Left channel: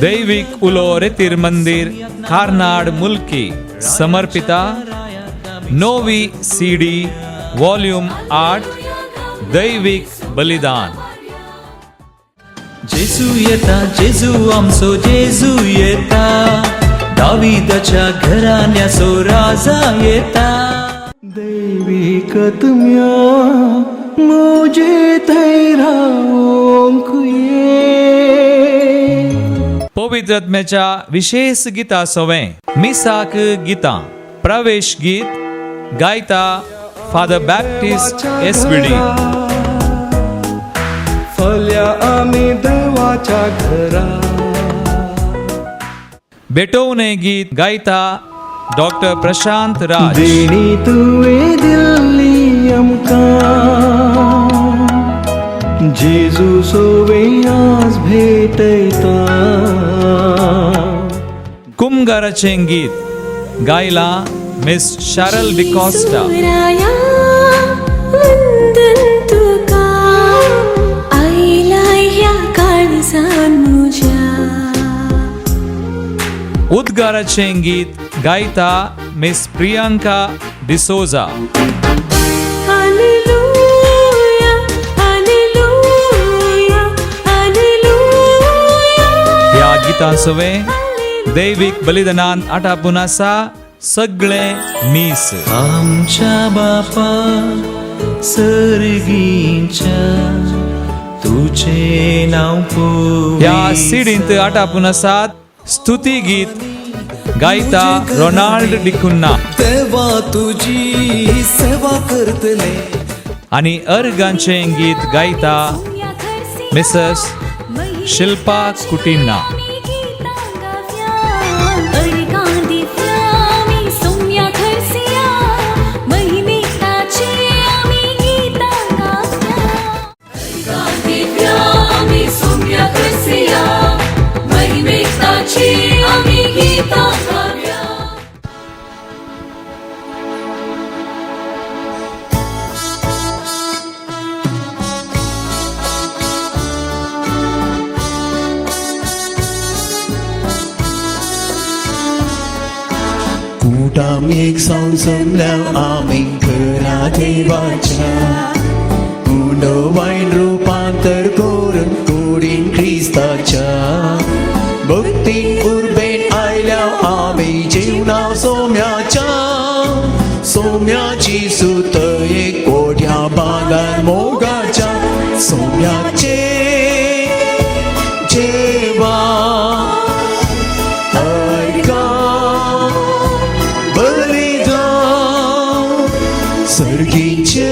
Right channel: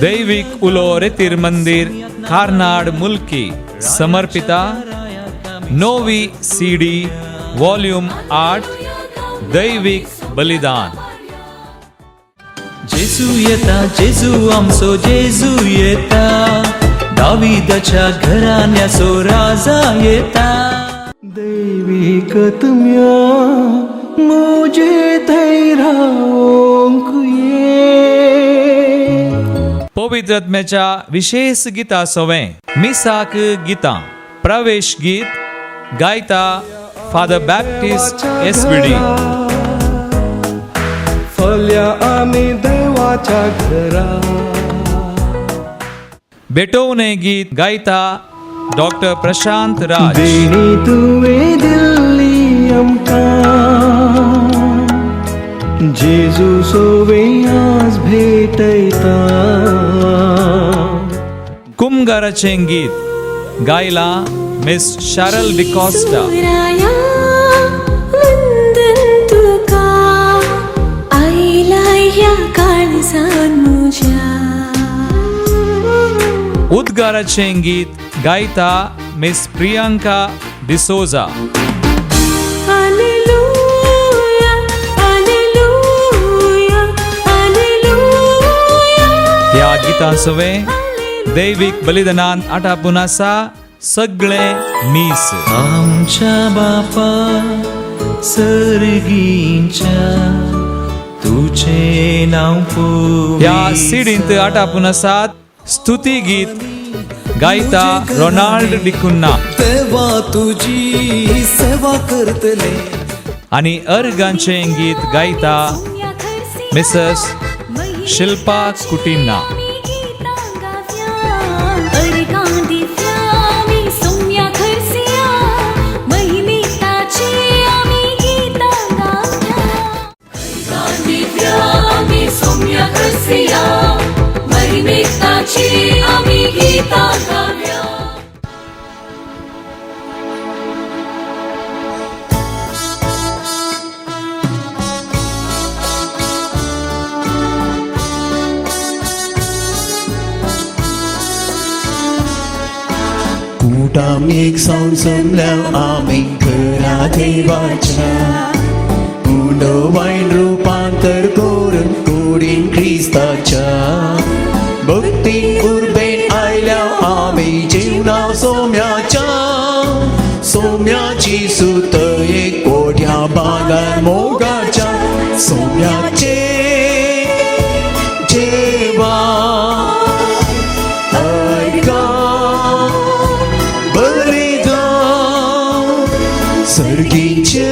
दैविक उलो रेतीर मंदिर कार्नाड मुल्की समर्पिता नोवी सीडी वॉल्यूम 8 दैविक बलिदान. जेजू येता जेजू आमचो जेजू येता, दाविदाच्या घराण्याचो राजा येता. दैविक तुम्या मुझे थंय रावोंक ये. पवित्र आत्म्याच्या विशेष गिता सवें मिसाक गितां प्रवेश गीत गायता फादर बॅप्टिस्ट एसबीडी. फल्या आमी देवाच्या घरा. बेटोवने गीत गायता डॉक्टर प्रशांत राज. देणी तुवें दिल्ली आमकां, जेजू सोवें आज भेटयता. कुमगाराचें गीत गायला मिस शारल डिकॉस्टा. उद्गाराचें गीत गायता मिस प्रियांका डिसोजा. ह्या गितां सवें दैविक बलिदानांत आटापून आसा सगळे मीस. आमच्या बापा सर्गींच्या, तुझे नाव ह्या सीडींत आटापून आसात स्तुती गीत गायता रोनाल्ड डिकुन्ना. देवा तुझी सेवा करतले. आणि अर्गांचें गीत गायता मिसेस शिल्पा कुटिन्ना. आम्ही एक सांग समल्या आम्ही घरा देवाच्या, उडो वाईन रूपांतर करून कुडीन ख्रिस्ताच्या. भक्ती उर्बेत आयल्या आम्ही जीवना सोम्याच्या, सोम्याची सुत एक कोठ्या बागार मोगाच्या. सोम्याचे जेवा ऐका सर्गीचे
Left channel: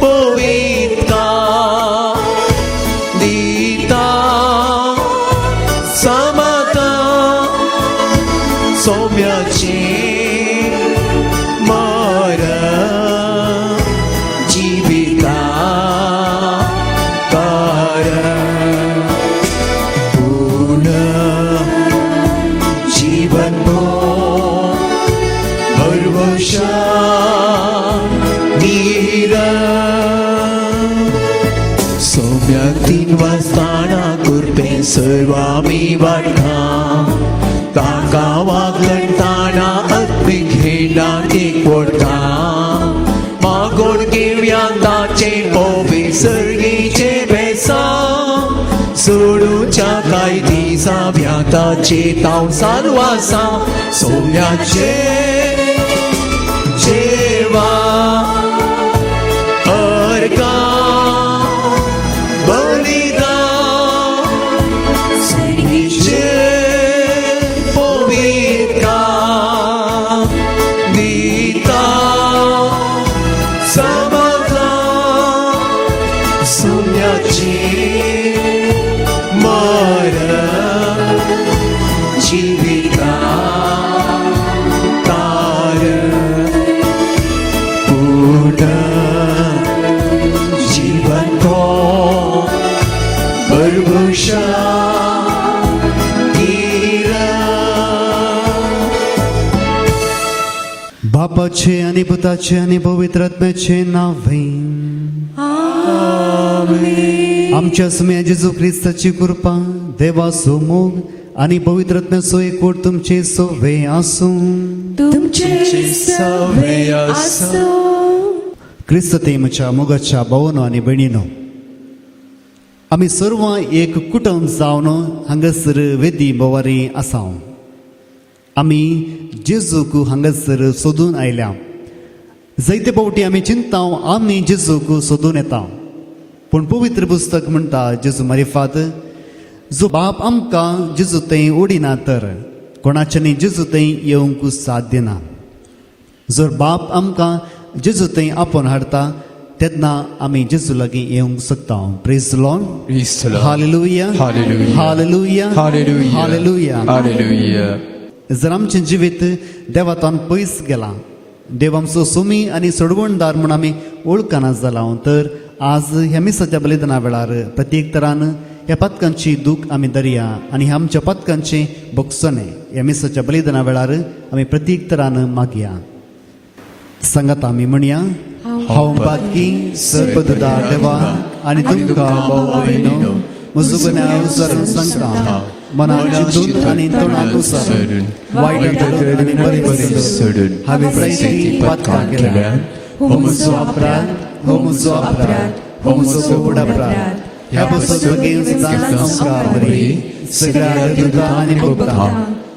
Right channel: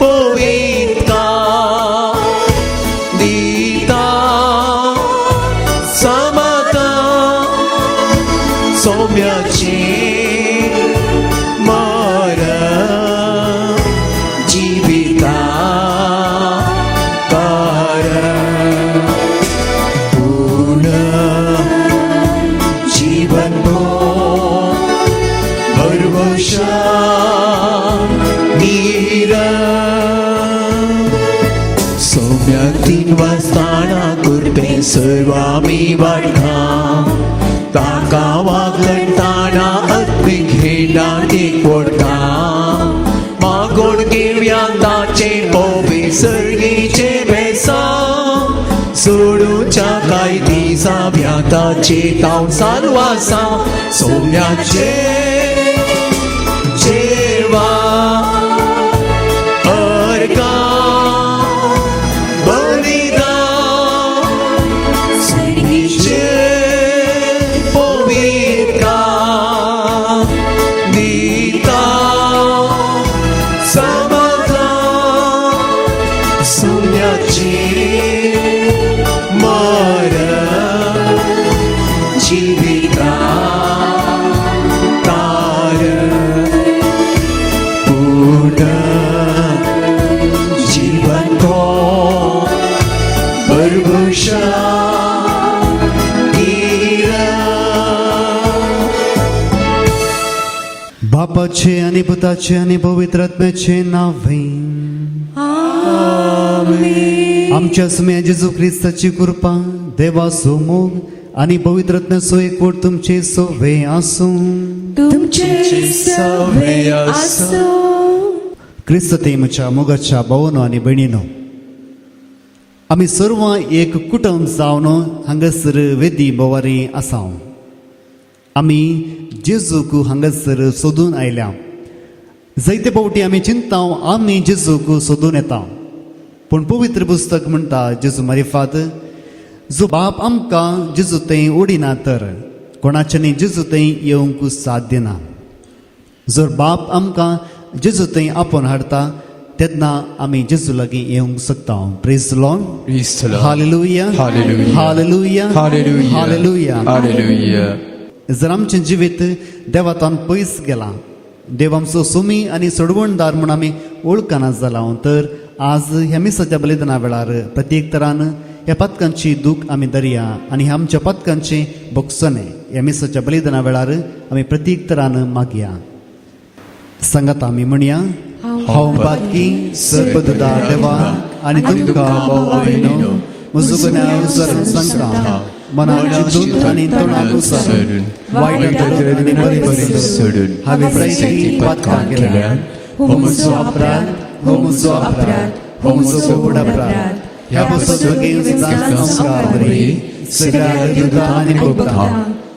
पवित्रा दिता सबका सोम्याची माया जीविता कारण पुनः जीवन भरवशा तीन वाजताना करते सर्वामी वाटना. ताका वागलताना अद्विक खेळांनी पडता. मागोड घेवया ताचे ओवे सर्गीचे बेसा, सोडूच्या गायती जाव्या ताचे ताव सारवासा. सोम्याचे जेवा अर्गा पवित्रा दिता सबका सोम्याची माया जीविका कारण पुनः जीवन भरभूषा. बापाचे आणि पुताचे आणि पवित्र आत्म्याचे नावे आमेन. आमच्या समय जेजू ख्रिस्ताची कृपा देवाचो मोग आणि पवित्रत्वाचो एकवट तुमचे सोवे आसूं. तुमचे सवे आसूं. ख्रिस्त तेमच्या मोगाच्या भावनो आणि भयणीनो, आम्ही सर्व एक कुटुंब जावन हांगासर वेदी बोवारी आसा. आम्ही जेजूक हांगासर सोदून आयल्या. जायते फावटी आमी चिंता आमी जेजूक सोदून येता, पूण पवित्र पुस्तक म्हणटा जेजू मारिफात जो बाप आमकां जेजू थंय ओडिना तर कोणाच्यानी जेजू थंय येवंक साध्य ना. जर बाप आमकां जेजू थंय आपोवन हाडटा तेन्ना आमी जेजू लागीं येवंक शकता. Praise the Lord. Praise the Lord. Hallelujah Hallelujah. Hallelujah Hallelujah. Hallelujah. Hallelujah. जर आमचें जिवीत देवातान पयस गेलां, देव आमचो सोमी आनी सोडवणदार म्हूण आमी वळखना जालां, तर आज ह्या मिसाच्या बलिदाना वेळार प्रत्येक तरान ह्या पातकांची दूख आमी धरया आनी ह्या आमच्या पातकांचे भोगसणे ह्या मिसाच्या बलिदाना वेळार आमी प्रत्येक तरान मागया. सांगात आमी म्हणया, हांव पातकी सर्पददार देवा आनी तुमकां भोवयनो म्हजो गुन्यांव सरून सांगता. मनाची दूख आनी तोंडाक उसळून वायट आनी बरी बरी हांवें प्रयत्नी पातकां केल्या. हो म्हजो अपराध, हो म्हजो अपराध, हो म्हजो गोड अपराध. ह्या बसत बेगीन सगळ्या दुखा आनी भोगता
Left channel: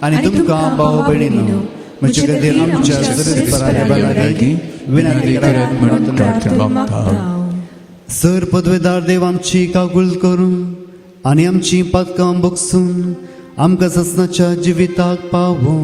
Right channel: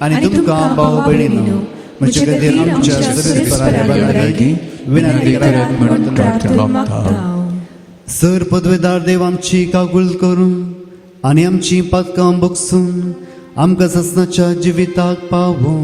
आनी तुमकां भाव भयणीनो म्हजे खातीर आमच्या सगळ्या पराया बलागी विनंती करात म्हणून प्रार्थना. सर पदवेदार देव आमची कागूल करून आनी आमची पातकां भोगसून आमकां ससनाच्या जिविताक पावूं.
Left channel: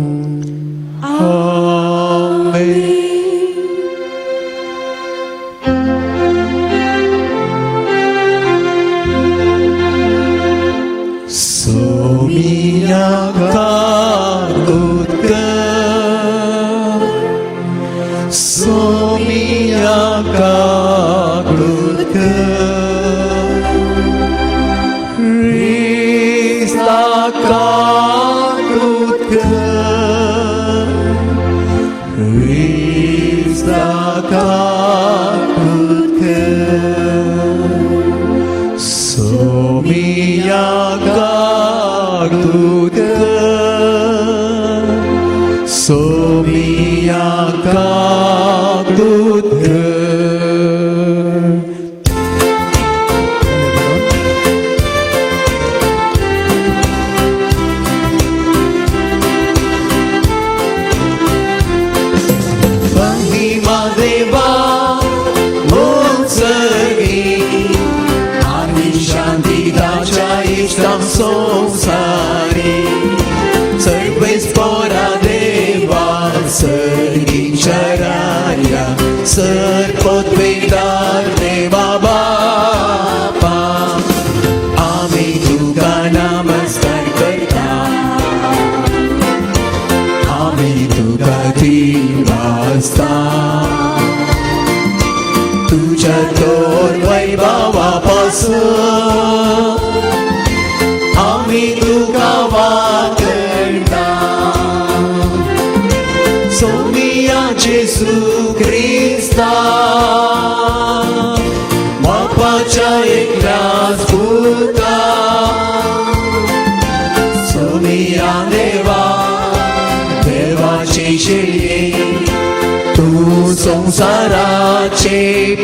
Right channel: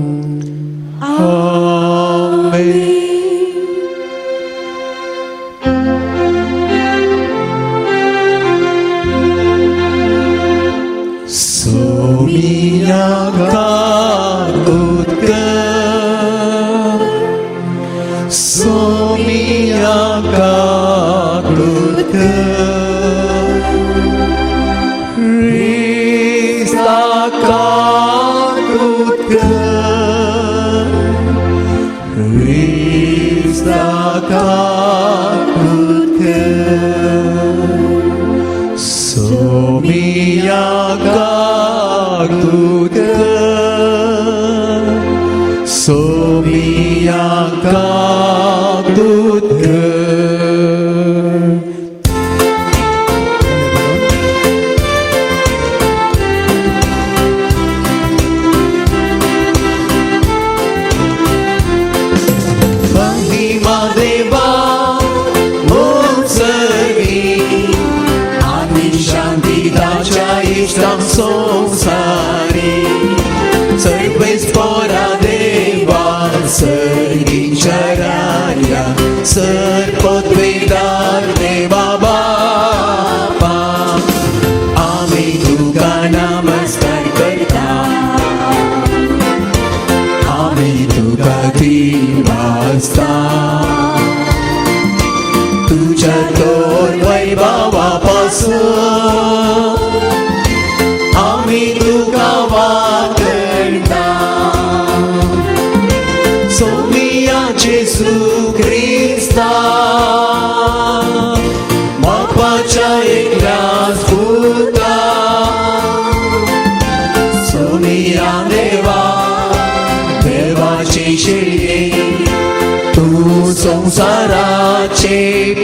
संसाराचे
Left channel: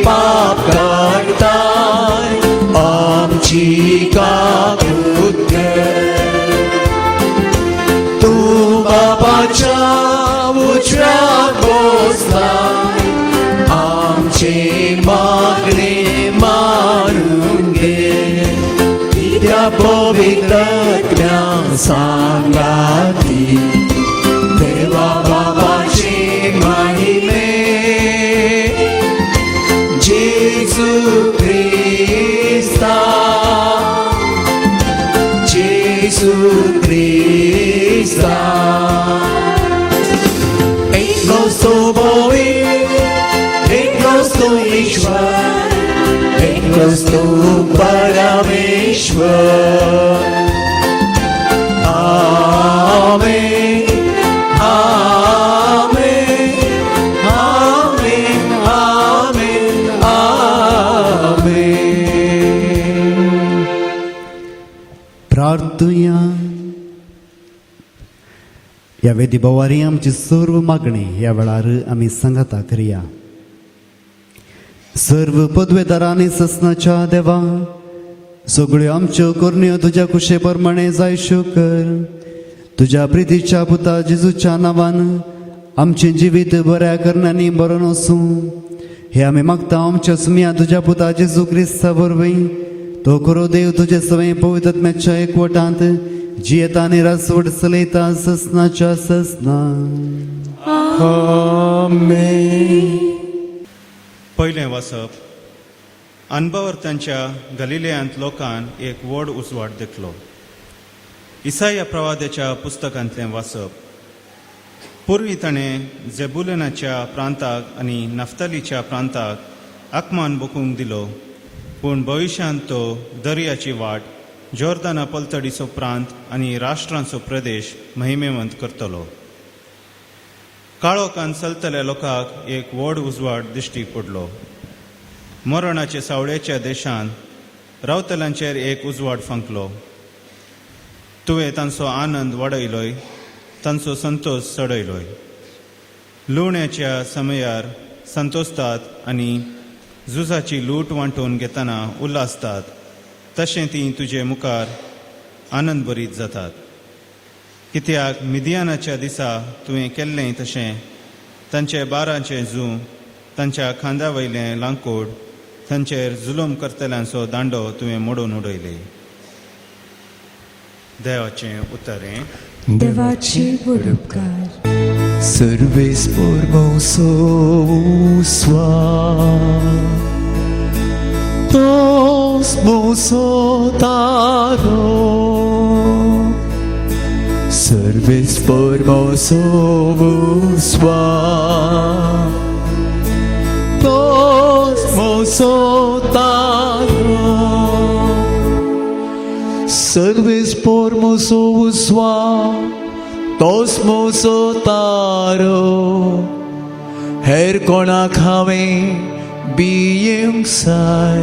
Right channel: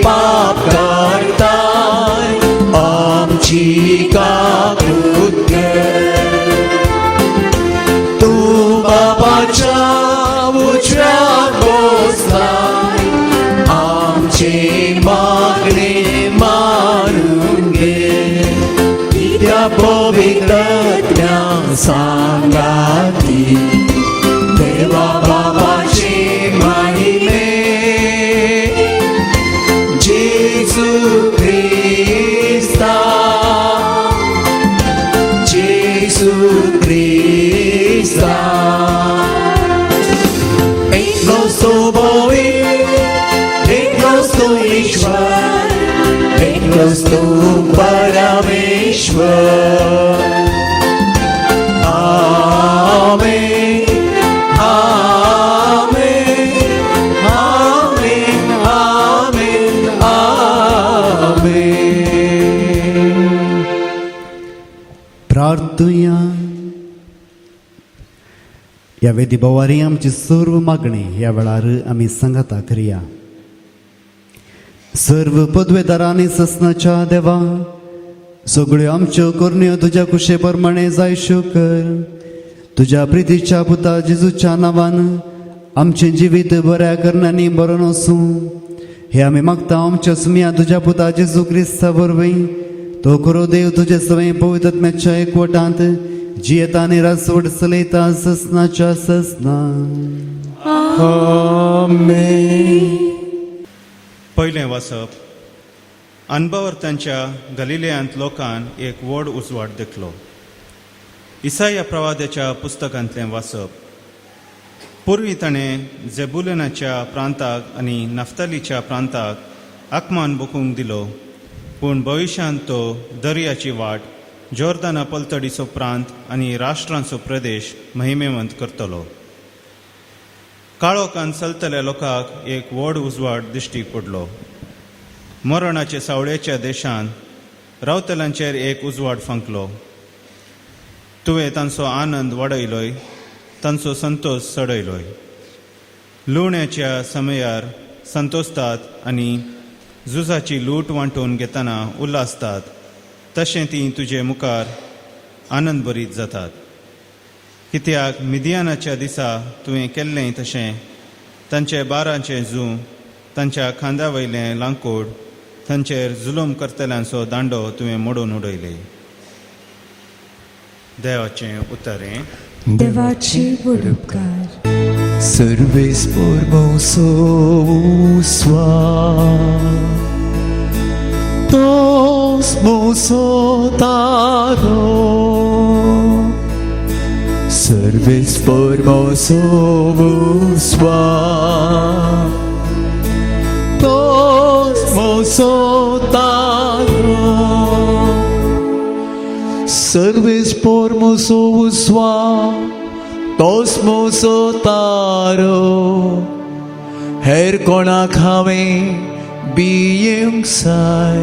पाप काढताय आमची काकृत्य. तू बापाच्या उजव्यात बसलाय, आमचे मागणे मारून घे. त्या पवित्रत्या सांगाती देवा बापाचे माहिती Amen. प्रार्थुया. या वेदी बोवारी आमची सर्व मागणी या वेळार आमी सांगाता करिया. सर्व पदवेदारांनी ससनाच्या देवा, सगळ्यो आमच्यो करण्यो तुझ्या कुशे प्रमाणे जायश्यो कर. तुझ्या प्रितीच्या पुता जेजूच्या नांवान आमचे जिवीत बऱ्या करण्यानी बरो नसूं हे आमी मागता आमच्या सुमिया तुझ्या पुता जेजू क्रिस्ता वरवीं. तो खरो देव तुझे सवय पवित्र आत्म्याच्या एकवटांत जियेता आनी रासवड चलयता ससनाच्या ससना. पयलें वाचप. अनभवर्तांच्या गलिलेयांत लोकान एक व्हड उजवाड देखलो. इसाया प्रवाद्याच्या पुस्तकांतलें वाचप. पूर्वी ताणें जेबुलनाच्या प्रांताक आनी नफ्तालीच्या प्रांताक आकमान बुकूंक दिलो, पूण भविश्यांत तो दर्याची वाट, जॉर्दाना पलतडीचो प्रांत आनी राष्ट्रांचो प्रदेश महिमेवंत करतलो. काळोखान चलतल्या लोकांक एक व्हड उजवाड दिश्टी पडलो. मरणाचे सावळेच्या देशांत रावतल्यांचेर एक उजवाड फंकलो. तुवें तांचो आनंद वाडयलोय, तांचो संतोष चडयलोय. लुवण्याच्या समयार संतोसतात आनी झुजाची लूट वांटून घेतना उल्हासतात, तशें ती तुजे मुखार आनंद भरीत जातात. कित्याक मिदियानाच्या दिसा तुवें केल्लें तशें तांचे बारांचें झू, तांच्या खांद्या वयलें लांकूड, तांचेर जुलूम करतल्यांचो दांडो तुवें मोडून उडयले. देवाचें उतरें. देवाची बुडकार. Servis formoso Tos moso taro. Servis formoso Tos moso taro. Servis formoso Tos moso taro. Her konak haveं being sai.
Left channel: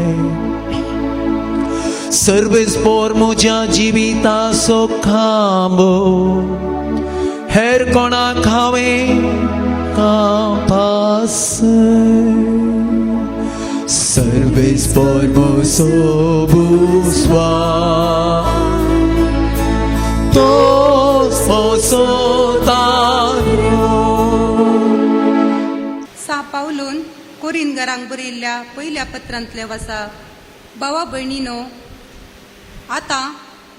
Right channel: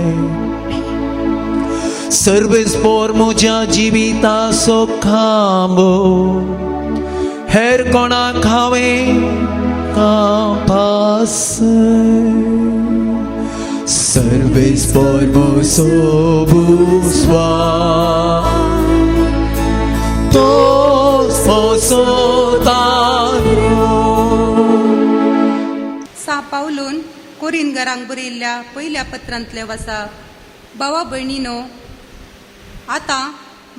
Service por मुझ्या जीविता सुखामो. Her konak haveं आभास. Service por moso buswa. Tos moso taro. सा पावलून कोरिंगरांक बरयल्ल्या पयल्या पत्रांतले वसा. भावा भयणीनो, आता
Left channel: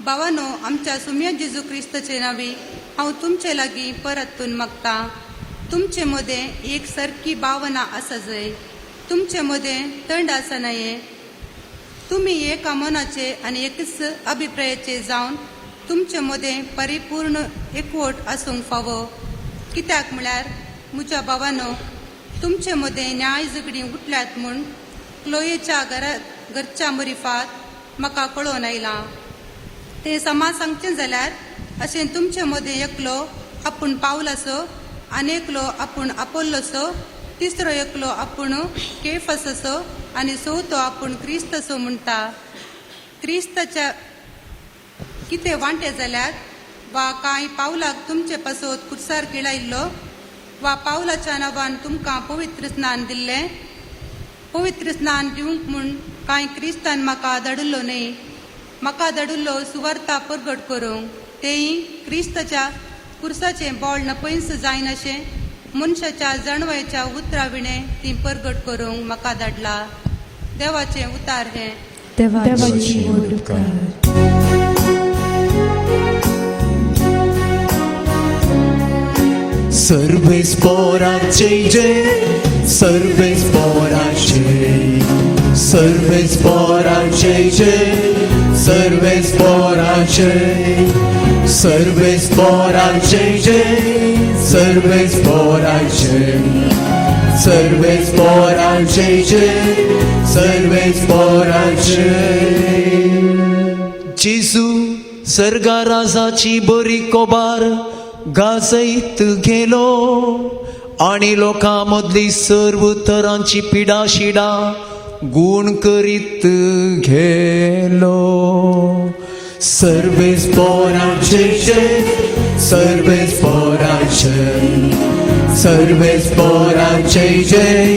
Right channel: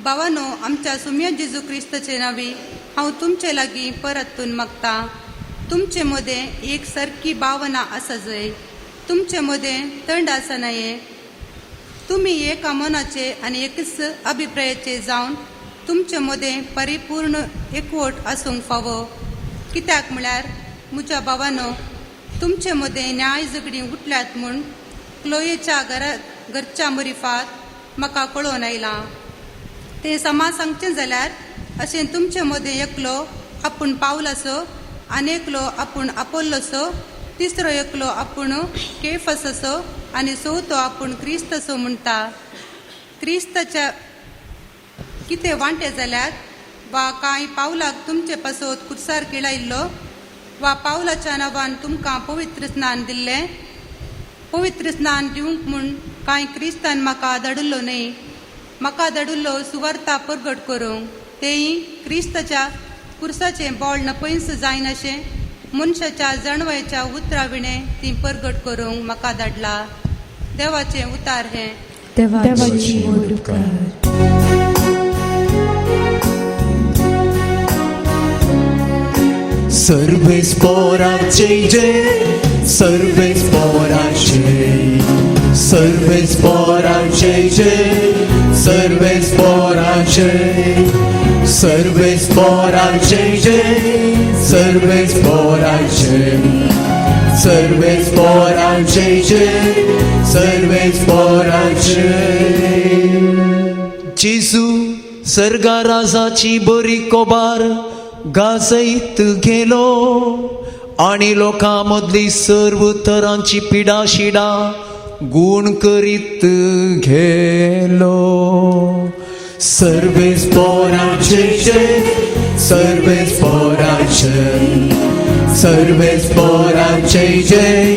भावानो, आमच्या सुम्या जेजू क्रिस्ताचे नावी हांव तुमचे लागीं परतून मागता. तुमचे मदें एक सारकी भावना आसा जाय. तुमचे मदें तंड आसा नये. तुम्ही एका मनाचे आनी एकच अभिप्रायाचे जावन तुमचे मदें परिपूर्ण एकवट आसूंक फावो. कित्याक म्हळ्यार म्हज्या भावानो, तुमचे मदें न्याय झगडी उठल्यात म्हूण क्लोयेच्या घरच्या मरिफात म्हाका कळोवन आयलां. ते समा सांगचें जाल्यार अशें तुमचे मदें एकलो आपूण पावलासो, आनी एकलो आपूण आपोल्लोसो, तिसरो एकलो आपूण केफासो, आनी चवथो आपूण क्रिस्तसो म्हणटा. क्रिस्ताच्या कितें वांटे जाल्यार वा कांय पावलाक तुमचे पासत कुर्सार केळायल्लो, वा पावलाच्या नांवान तुमकां पवित्र स्नान दिल्लें. पवित्र स्नान दिवंक म्हूण कांय क्रिस्तान म्हाका धाडिल्लो न्ही. म्हाका धाडिल्लो सुवार्ता परगट करूंक. तेय क्रिस्ताच्या कुर्साचें बोळ नपयस जायन अशें मनशाच्या जणवायच्या उतरां विणें ती परगट करूंक म्हाका धाडला. देवाचें उतार हें. देवाची बुडकार. Servis porace, servis porace, servis porace, servis porace, servis porace, servis porace, servis porace, servis porace. Jesu सर्गा राजाची बरी कोबार गाजयत गेलो आणि लोकां मदली सर्व तरांची पिडा शिडा गुण करीत गेलो. सर्वेस पोराचे जय, सर्वेस पोराचे, सर्वेस पोराचे जय,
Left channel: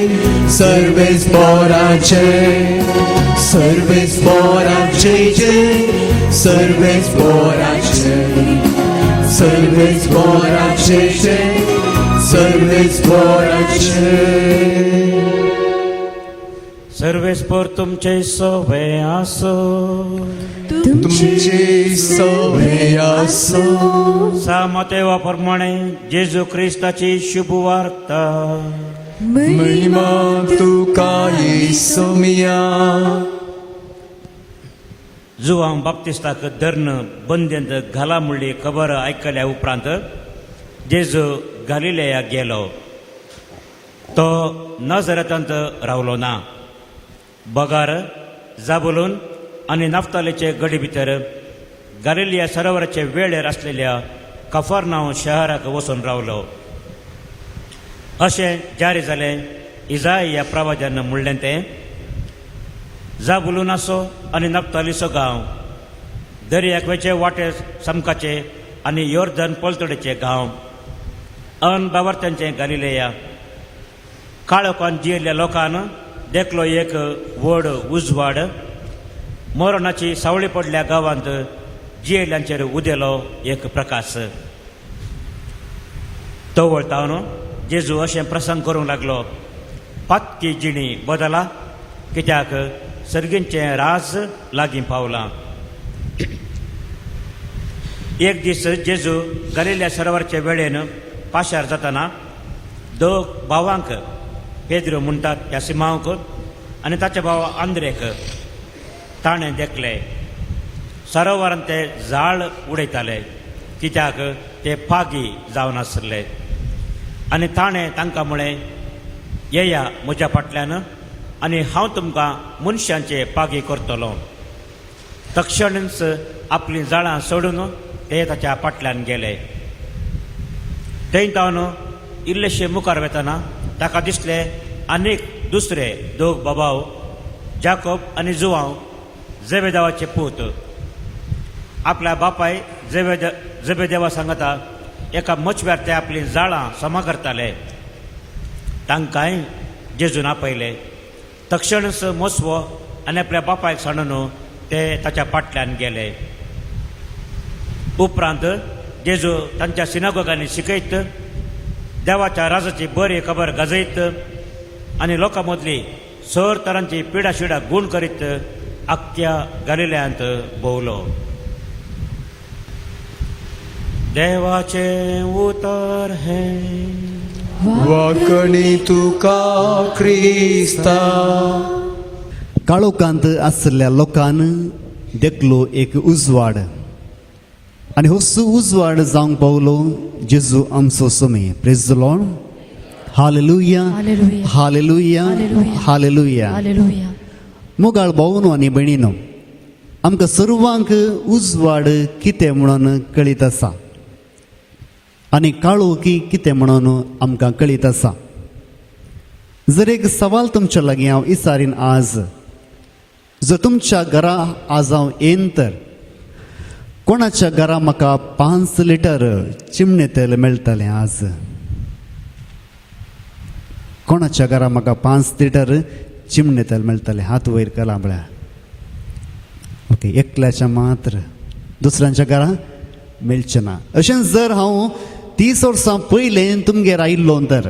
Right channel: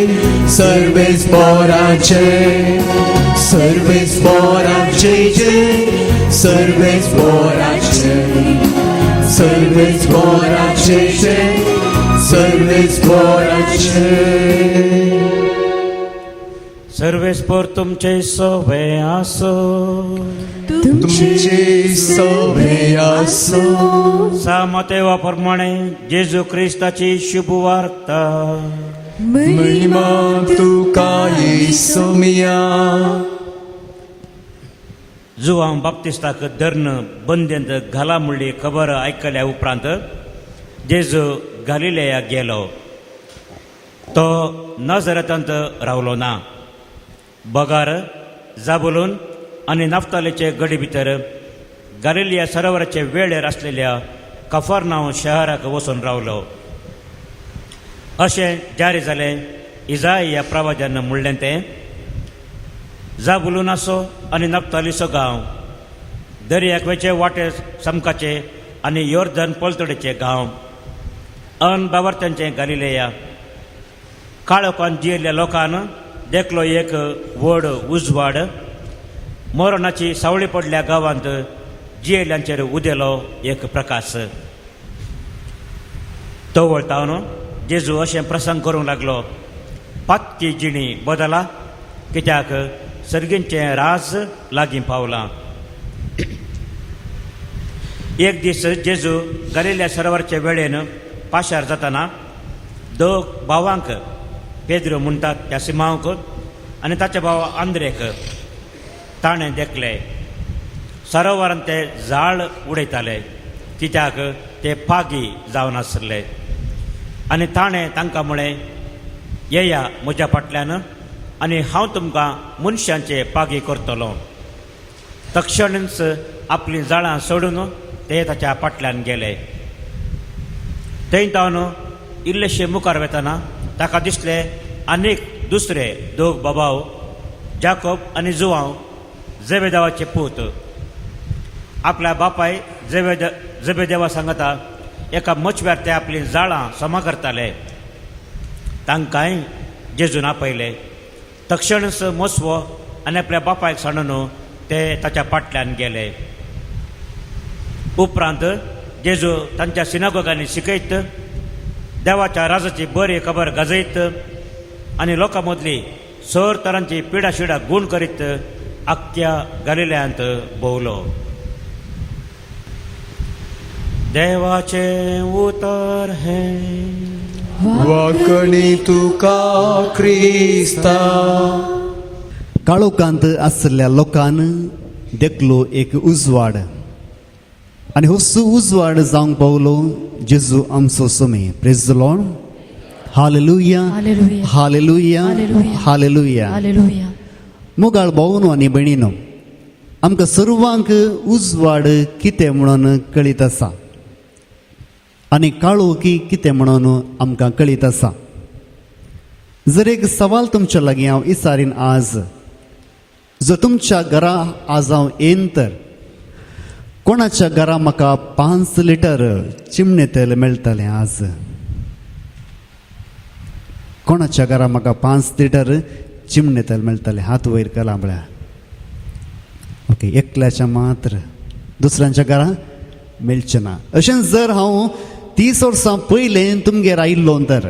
सर्वेस पोराचे, सर्वेस पोराचे जय, सर्वेस पोराचे, सर्वेस पोराचे जय, सर्वेस पोराचे. सर्वेस पोर तुमचे सोबे आसो, तुमची सवय असो. सामतेवा प्रमाणे जेजू ख्रिस्ताची शुभ वार्ता. महिमा तुका येसुमिया. जुवांग बाप्तिस्ताक धरण बंदेंत घाला म्हणली खबर ऐकल्या उपरांत जेजू गालिलेया गेलो. तो नाझरेतांत रावलो ना. बगार, जाबुलून आणि नाफ्तालीचे गडी भितर गालिलिया सरोवराचे वेळेर असलेल्या कफरनाहूम शहराक वचून रावलो. अशें जारी जालें इजाय ह्या प्रवाद्यान म्हणलें तें. जाबुलून आसो आनी नाफ्तालीचो गांव, दर्यावेचे वाटे समकाचे आनी योर्दन पलतडेचे गांव, अन बावर्त्यांचे गालिलेया. काळोखान जियेल्ल्या लोकांन देखलो एक व्हड उजवाड. मरणाची सावळी पडल्या गांवांत जियेल्ल्यांचेर उदेलो एक प्रकाश. तो वळतावन जेजू अशें प्रसंग करूंक लागलो. पातकी जिणी बदला, कित्याक सर्गींचे रास लागीं पावलां. एक दीस जेजू गालिल्या सरोवराचे वेळेन पाशार जाताना दोग भावांक, पेद्रो म्हणटात ह्या सिमांक आनी ताच्या भावा आंद्रेक ताणें देखले. सरोवरांत ते जाळ उडयताले, कित्याक ते पागी जावन आसले. आनी ताणें तांकां म्हळें, येया म्हज्या फाटल्यान आनी हांव तुमकां मनशांचे पागी करतलों. तक्षणच आपली जाळां सोडून ते ताच्या फाटल्यान गेले. थंयतावन इल्लेशे मुखार वेताना ताका दिसले आनीक दुसरे दोग बाबाव, जाकोब आनी जुआंव, जेबेदेवाचे पूत. आपल्या बापाय जेबेदेवा सांगता एका मचव्यार ते आपली जाळां समा करताले. तांकांय जेजून आपयले. तक्षणच मसवो आनी आपल्या बापायक सांडून ते ताच्या फाटल्यान गेले. उपरांत जेजू तांच्या सिनागोगांनी शिकयत, देवाच्या राजाची बरी खबर गाजयत आनी लोकां मदली सर तरांची पिडाशिडा गूण करीत आख्ख्या गालिल्यांत भोंवलो. देवाचे उतार हे. वाकणी तुका क्रिस्ता. काळोखांत आसलेल्या लोकांन देखलो एक उजवाड. आणि हो उजवाड जावंक पावलो जेजू आमचो समय. Praise the Lord. Hallelujah, hallelujah, hallelujah. Hallelujah. मोगाळ भावनो आनी भयणीनो, आमकां सर्वांक उजवाड कितें म्हणून कळीत आसा आनी काळोखी कितें म्हणून आमकां कळीत आसा. जर एक सवाल तुमच्या लागीं हांव विचारीन आज, जर तुमच्या घरा आज हांव येन तर कोणाच्या घरा म्हाका 5 लिटर चिमणे तेल मेळटलें आज? कोणाच्या घरा म्हाका 5 लिटर चिमणे तेल मेळटलें? हात वयर केला म्हळ्यार. ओके, एकल्याच्या मात्र, दुसऱ्यांच्या घरा मेळचें ना. अशें जर हांव 30 वर्सां पयलें तुमगेर आयिल्लो तर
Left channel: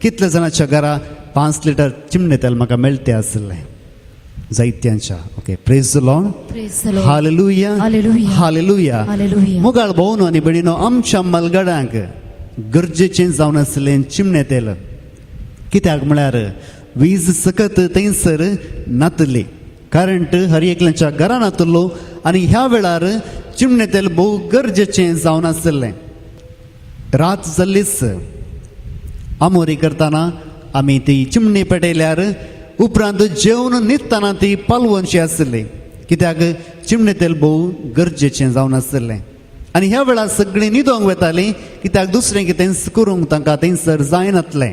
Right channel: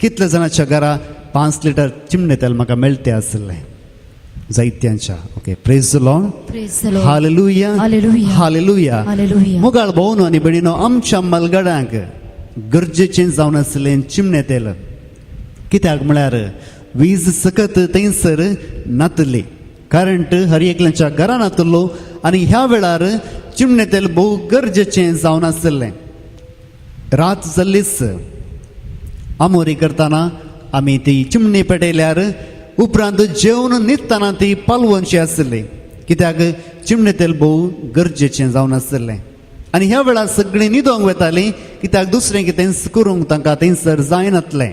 कितले जाणांच्या घरा 5 लिटर चिमणे तेल म्हाका मेळटें आसलें? जायत्यांच्या. Okay, praise the Lord. Praise the Lord. Hallelujah, Hallelujah. Hallelujah. Hallelujah. मोगाळ भावनो आनी भयणीनो, आमच्या मलगड्यांक गरजेचें जावन आसलें चिमणे तेल. कित्याक म्हळ्यार वीज सकत थंयसर नातली, करंट हर एकल्याच्या घरान नातलो आनी ह्या वेळार चिमणे तेल भोव गरजेचें जावन आसलें. रात जाल्लीच आमोरी करताना आमी ती चिमणी पेटयल्यार उपरांत जेवण न्हिदताना ती पालवनशी आसली, कित्याक चिमणे तेल भोव गरजेचें जावन आसलें. आनी ह्या वेळार सगळीं न्हिदोंक वतालीं, कित्याक दुसरें कितें करूंक तांकां थंयसर जायनातलें.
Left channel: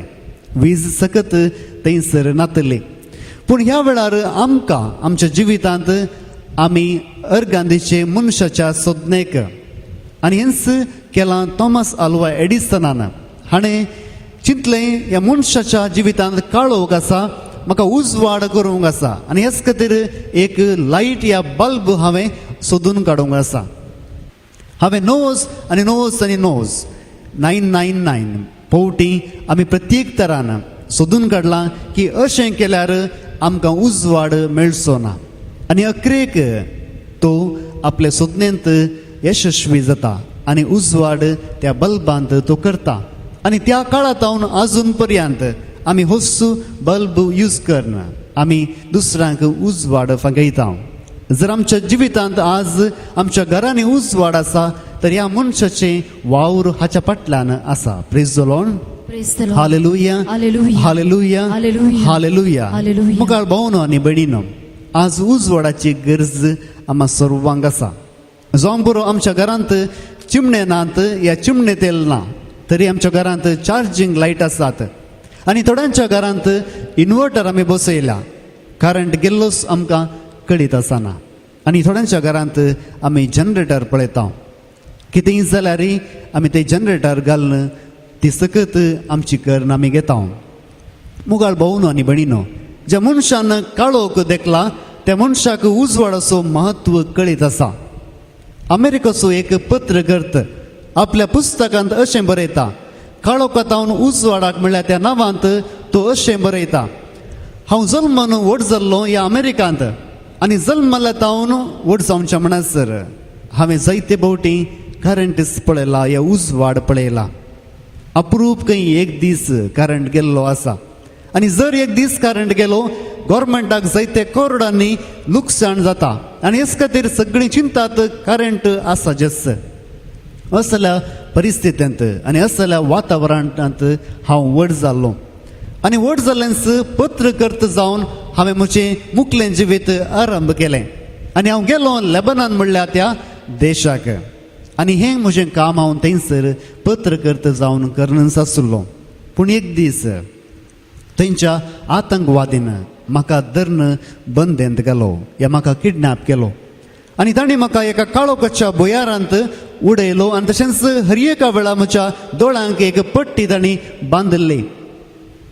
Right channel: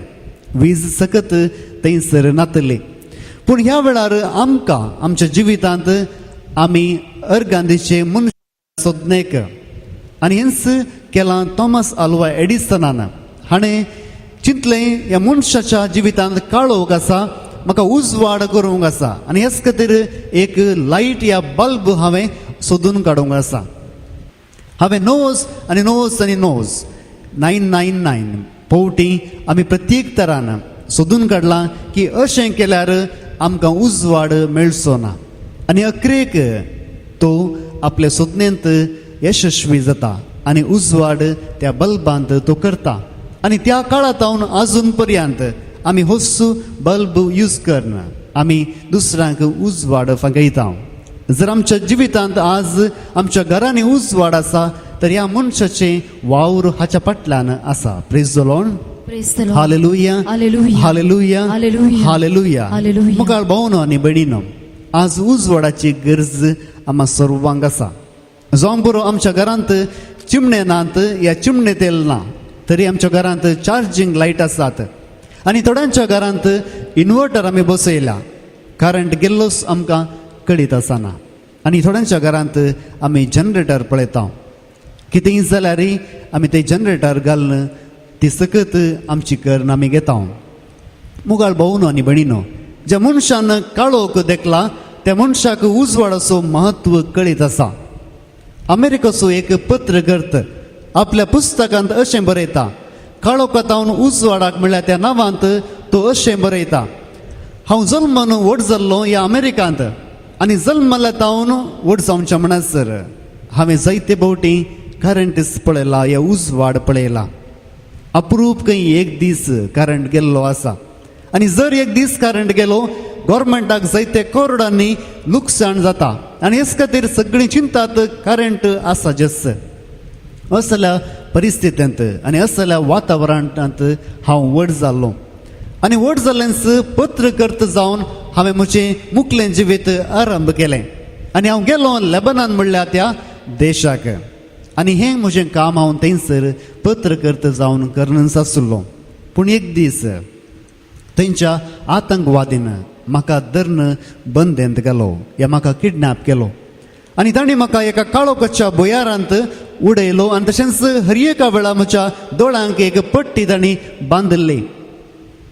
वीज सकत थंयसर नातली. पूण ह्या वेळार आमकां आमच्या जिवितांत आमी अर्गांदीचे मनशाच्या सोदनेक आनी हेंच केलां थॉमस आल्वा एडिसनान. हाणें चिंतलें ह्या मनशाच्या जिवितांत काळोख आसा, म्हाका उजवाड करूंक आसा आनी हेच खातीर एक लायट या बल्ब हांवें सोदून काडूंक आसा. हांवें नोज आनी नोज आनी नोज 999 फावटी आमी प्रत्येक तरान सोदून काडलां की अशें केल्यार आमकां उजवाड मेळचो ना. आनी अखेरेक तो आपल्या सोदनेंत यशस्वी जाता आनी उजवाड त्या बल्बांत तो करता. आनी त्या काळांत अजून पर्यंत आमी होच बल्ब यूज करना, आमी दुसऱ्यांक उजवाड फागयता. जर आमच्या जिवितांत आज आमच्या घरांनी उजवाड आसा तर ह्या मनशाचे वावर हाच्या फाटल्यान आसा. Praise the Lord. Praise the Lord. Hallelujah Hallelujah. Hallelujah Hallelujah. Hallelujah. Hallelujah. मुखार भावनो आनी भयणीनो, आज उजवाडाची गरज आम्हा सर्वांक आसा. जावंक बरो आमच्या घरांत चिमणे नात या चिमणे तेल ना, तरी आमच्या घरांत चार्जिंग लायट आसात आनी थोड्यांच्या घरांत इन्वर्टर आमी बसयल्या, करंट गेल्लोच आमकां कळीत आसना. आनी थोड्यांच्या घरांत आमी जनरेटर पळयता. कितेंय जाल्यार आमी ते जनरेटर घालून ती सकत आमची कर्ण आमी घेता. मुगाळ भाऊनो आनी भयणीनो, ज्या मनशान काळोख देखला त्या मनशाक उजवाडाचो महत्व कळीत आसा. अमेरिकेचो एक पत्रकर्त आपल्या पुस्तकांत अशें बरयता, काळोखांत हांव उजवाडाक म्हळ्यार त्या नांवांत तो अशें बरयता, हांव जल्मान व्हड जाल्लो ह्या अमेरिकांत आनी जल्मल्यात हांव व्हड जावच्या म्हणसर हांवें जायते फावटी करंट पळयला, ह्या उजवाड पळयला. अप्रूप खंय एक दीस करंट गेल्लो आसा आनी जर एक दीस करंट गेलो गव्हर्मेंटाक जायते करोडांनी लुकसाण जाता आनी हेच खातीर सगळीं चिंतात करंट आसा जस. असल्या परिस्थितींत आनी असल्या वातावरणांत हांव व्हड जाल्लो आनी व्हड जाल्लेंच पत्रकर्त जावन हांवें म्हजें मुखलें जिवीत आरंभ केलें आनी हांव गेलो लेबनान म्हणल्या त्या देशाक. आनी हें म्हजें काम हांव थंयसर पत्रकर्त जावन करनच आसलो. पूण एक दीस थंयच्या आतंकवादीन म्हाका धरून बंदेंत गेलो, या म्हाका किडनॅप केलो आनी तांणी म्हाका एका काळोखाच्या भुयारांत उडयलो आनी तशेंच हर एका वेळा म्हज्या दोळ्यांक एक पट्टी तांणी बांदली.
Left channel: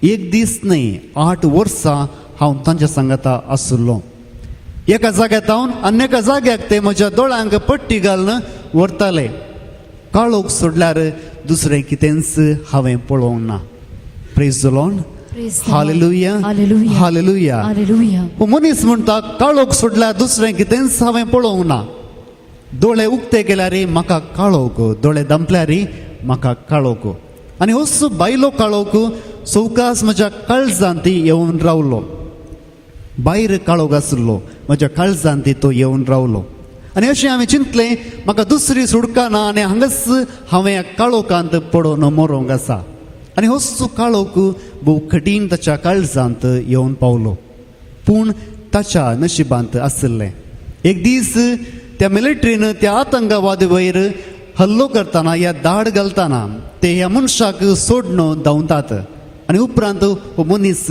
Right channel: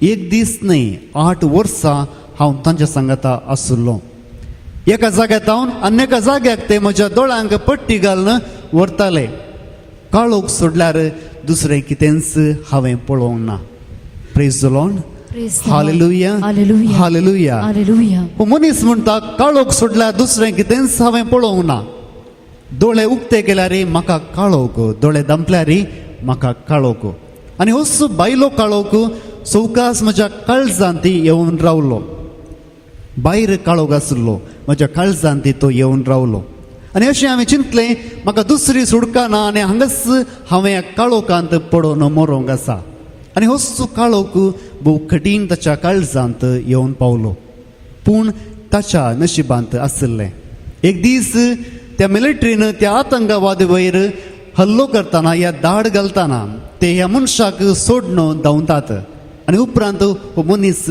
एक दीस न्ही 8 वर्सां हांव तांच्या सांगाता आसलो. एका जाग्यात हांव आनी एका जाग्याक ते म्हज्या दोळ्यांक पट्टी घालून व्हरताले. काळोख सोडल्यार दुसरें कितेंच हांवें पळोवंक ना. Praise the Lord. Praise the Lord. Hallelujah Hallelujah. Hallelujah. Hallelujah. हो मनीस म्हणटा काळोख सोडल्यार दुसरें कितेंच हांवें पळोवंक ना. दोळे उक्ते केल्यार म्हाका काळोख, दोळे धांपल्यार म्हाका काळोख आनी असो बायलो काळोख चौकास म्हज्या काळजांत येवन रावलो. भायर काळोख आसलो, म्हज्या काळजांत तो येवन रावलो आनी अशें हांवें चिंतलें म्हाका दुसरी सुडका ना आनी हांगाच हांवें काळोखांत पडून मरोंक आसा. आनी असो काळोख भोव कठीण ताच्या काळजांत येवन पावलो. पूण ताच्या नशिबांत आसलें एक दीस त्या मिलिटरीन त्या आतंकवादी वयर हल्लो करतना या धाड घालतना ते ह्या मनशाक सोडून धांवतात आनी उपरांत हो मनीस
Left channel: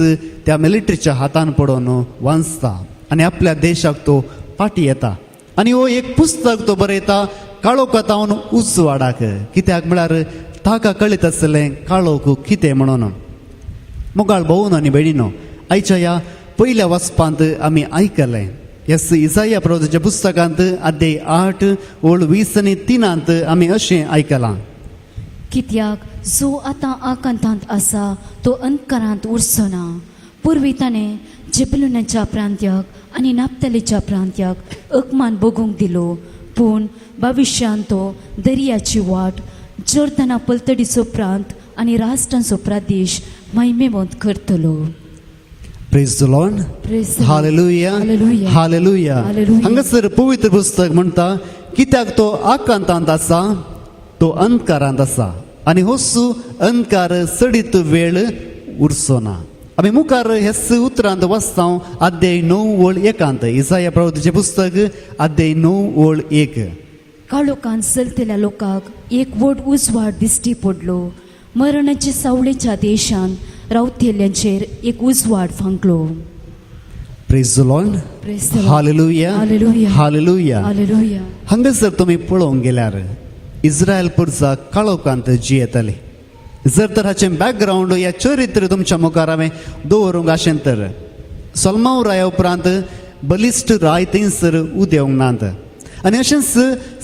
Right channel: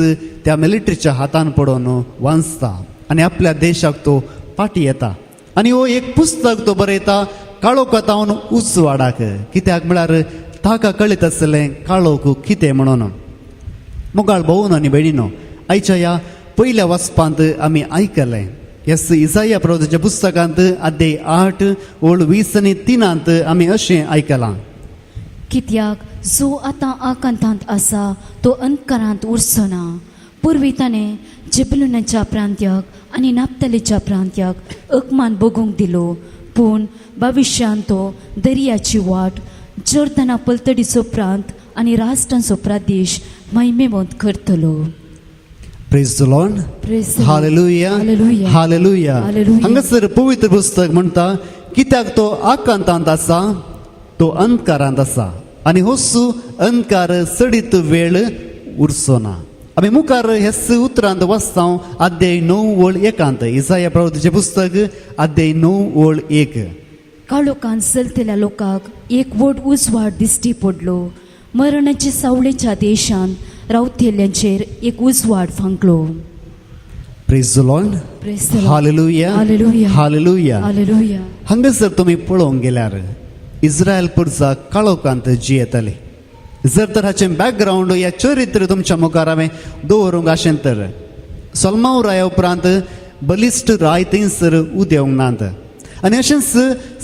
त्या मिलिटरीच्या हातान पडून वाचता आनी आपल्या देशाक तो फाटी येता. आनी हो एक पुस्तक तो बरयता काळोखांत हांव उजवाडाक, कित्याक म्हळ्यार ताका कळीत आसलें काळोख कितें म्हणून. मुगाळ भाऊन आनी भयणीनो, आयच्या ह्या पयल्या वाचपांत आमी आयकलें ह्यास इसाया प्रवक्त्याच्या पुस्तकांत अध्याय 8 ओळ 20 आनी 3 आमी अशें आयकलां. कित्याक जो आतां आकांतांत आसा तो अंधकारांत उरचो ना. पूर्वी ताणें जिबलुनाच्या प्रांत्याक आनी नाप्तलीच्या प्रांत्याक अकमान बगूंक दिलो, पूण भविश्यांत तो दर्याची वाट, जोर्दाना पलतडीचो प्रांत आनी राष्ट्रांचो प्रदेश महिमेवंत करतलो. Praise the Lord. Praise the Lord. Hallelujah Hallelujah. Hallelujah. Hallelujah. हांगासर पवित्र पुस्तक म्हणटा कित्याक तो आकांतांत आसा तो अंधकारांत आसा आनी होसो अंधकार सडीत वेळ उरचो ना. आमी मुखार हेस उतरांत वाचता अध्याय 9 ओळ 1 इसाया प्रवक्त्याचें पुस्तक अध्याय 9 ओळ 1. काळोखांत चलतल्या लोकांक एक व्हड उजवाड दिश्टी पडलो. मरणाच्या सावळेच्या देशांत रावतेल्यांचेर एक उजवाड फांकलो. Praise the Lord Praise the Lord. Hallelujah Hallelujah. Hallelujah Hallelujah. हांगासर तुम्ही पळोवंक गेल्यार इस्रायल पुरचा काळोखांत जियेतले जर तर हाचें बॅकग्राऊंड या चरित्र तुमच्या मुखार हांवें दवरूंक आशें तर सोलमाव राया उपरांत बलिश्ट राय थंयसर उदेवंक नात आनी अशेंच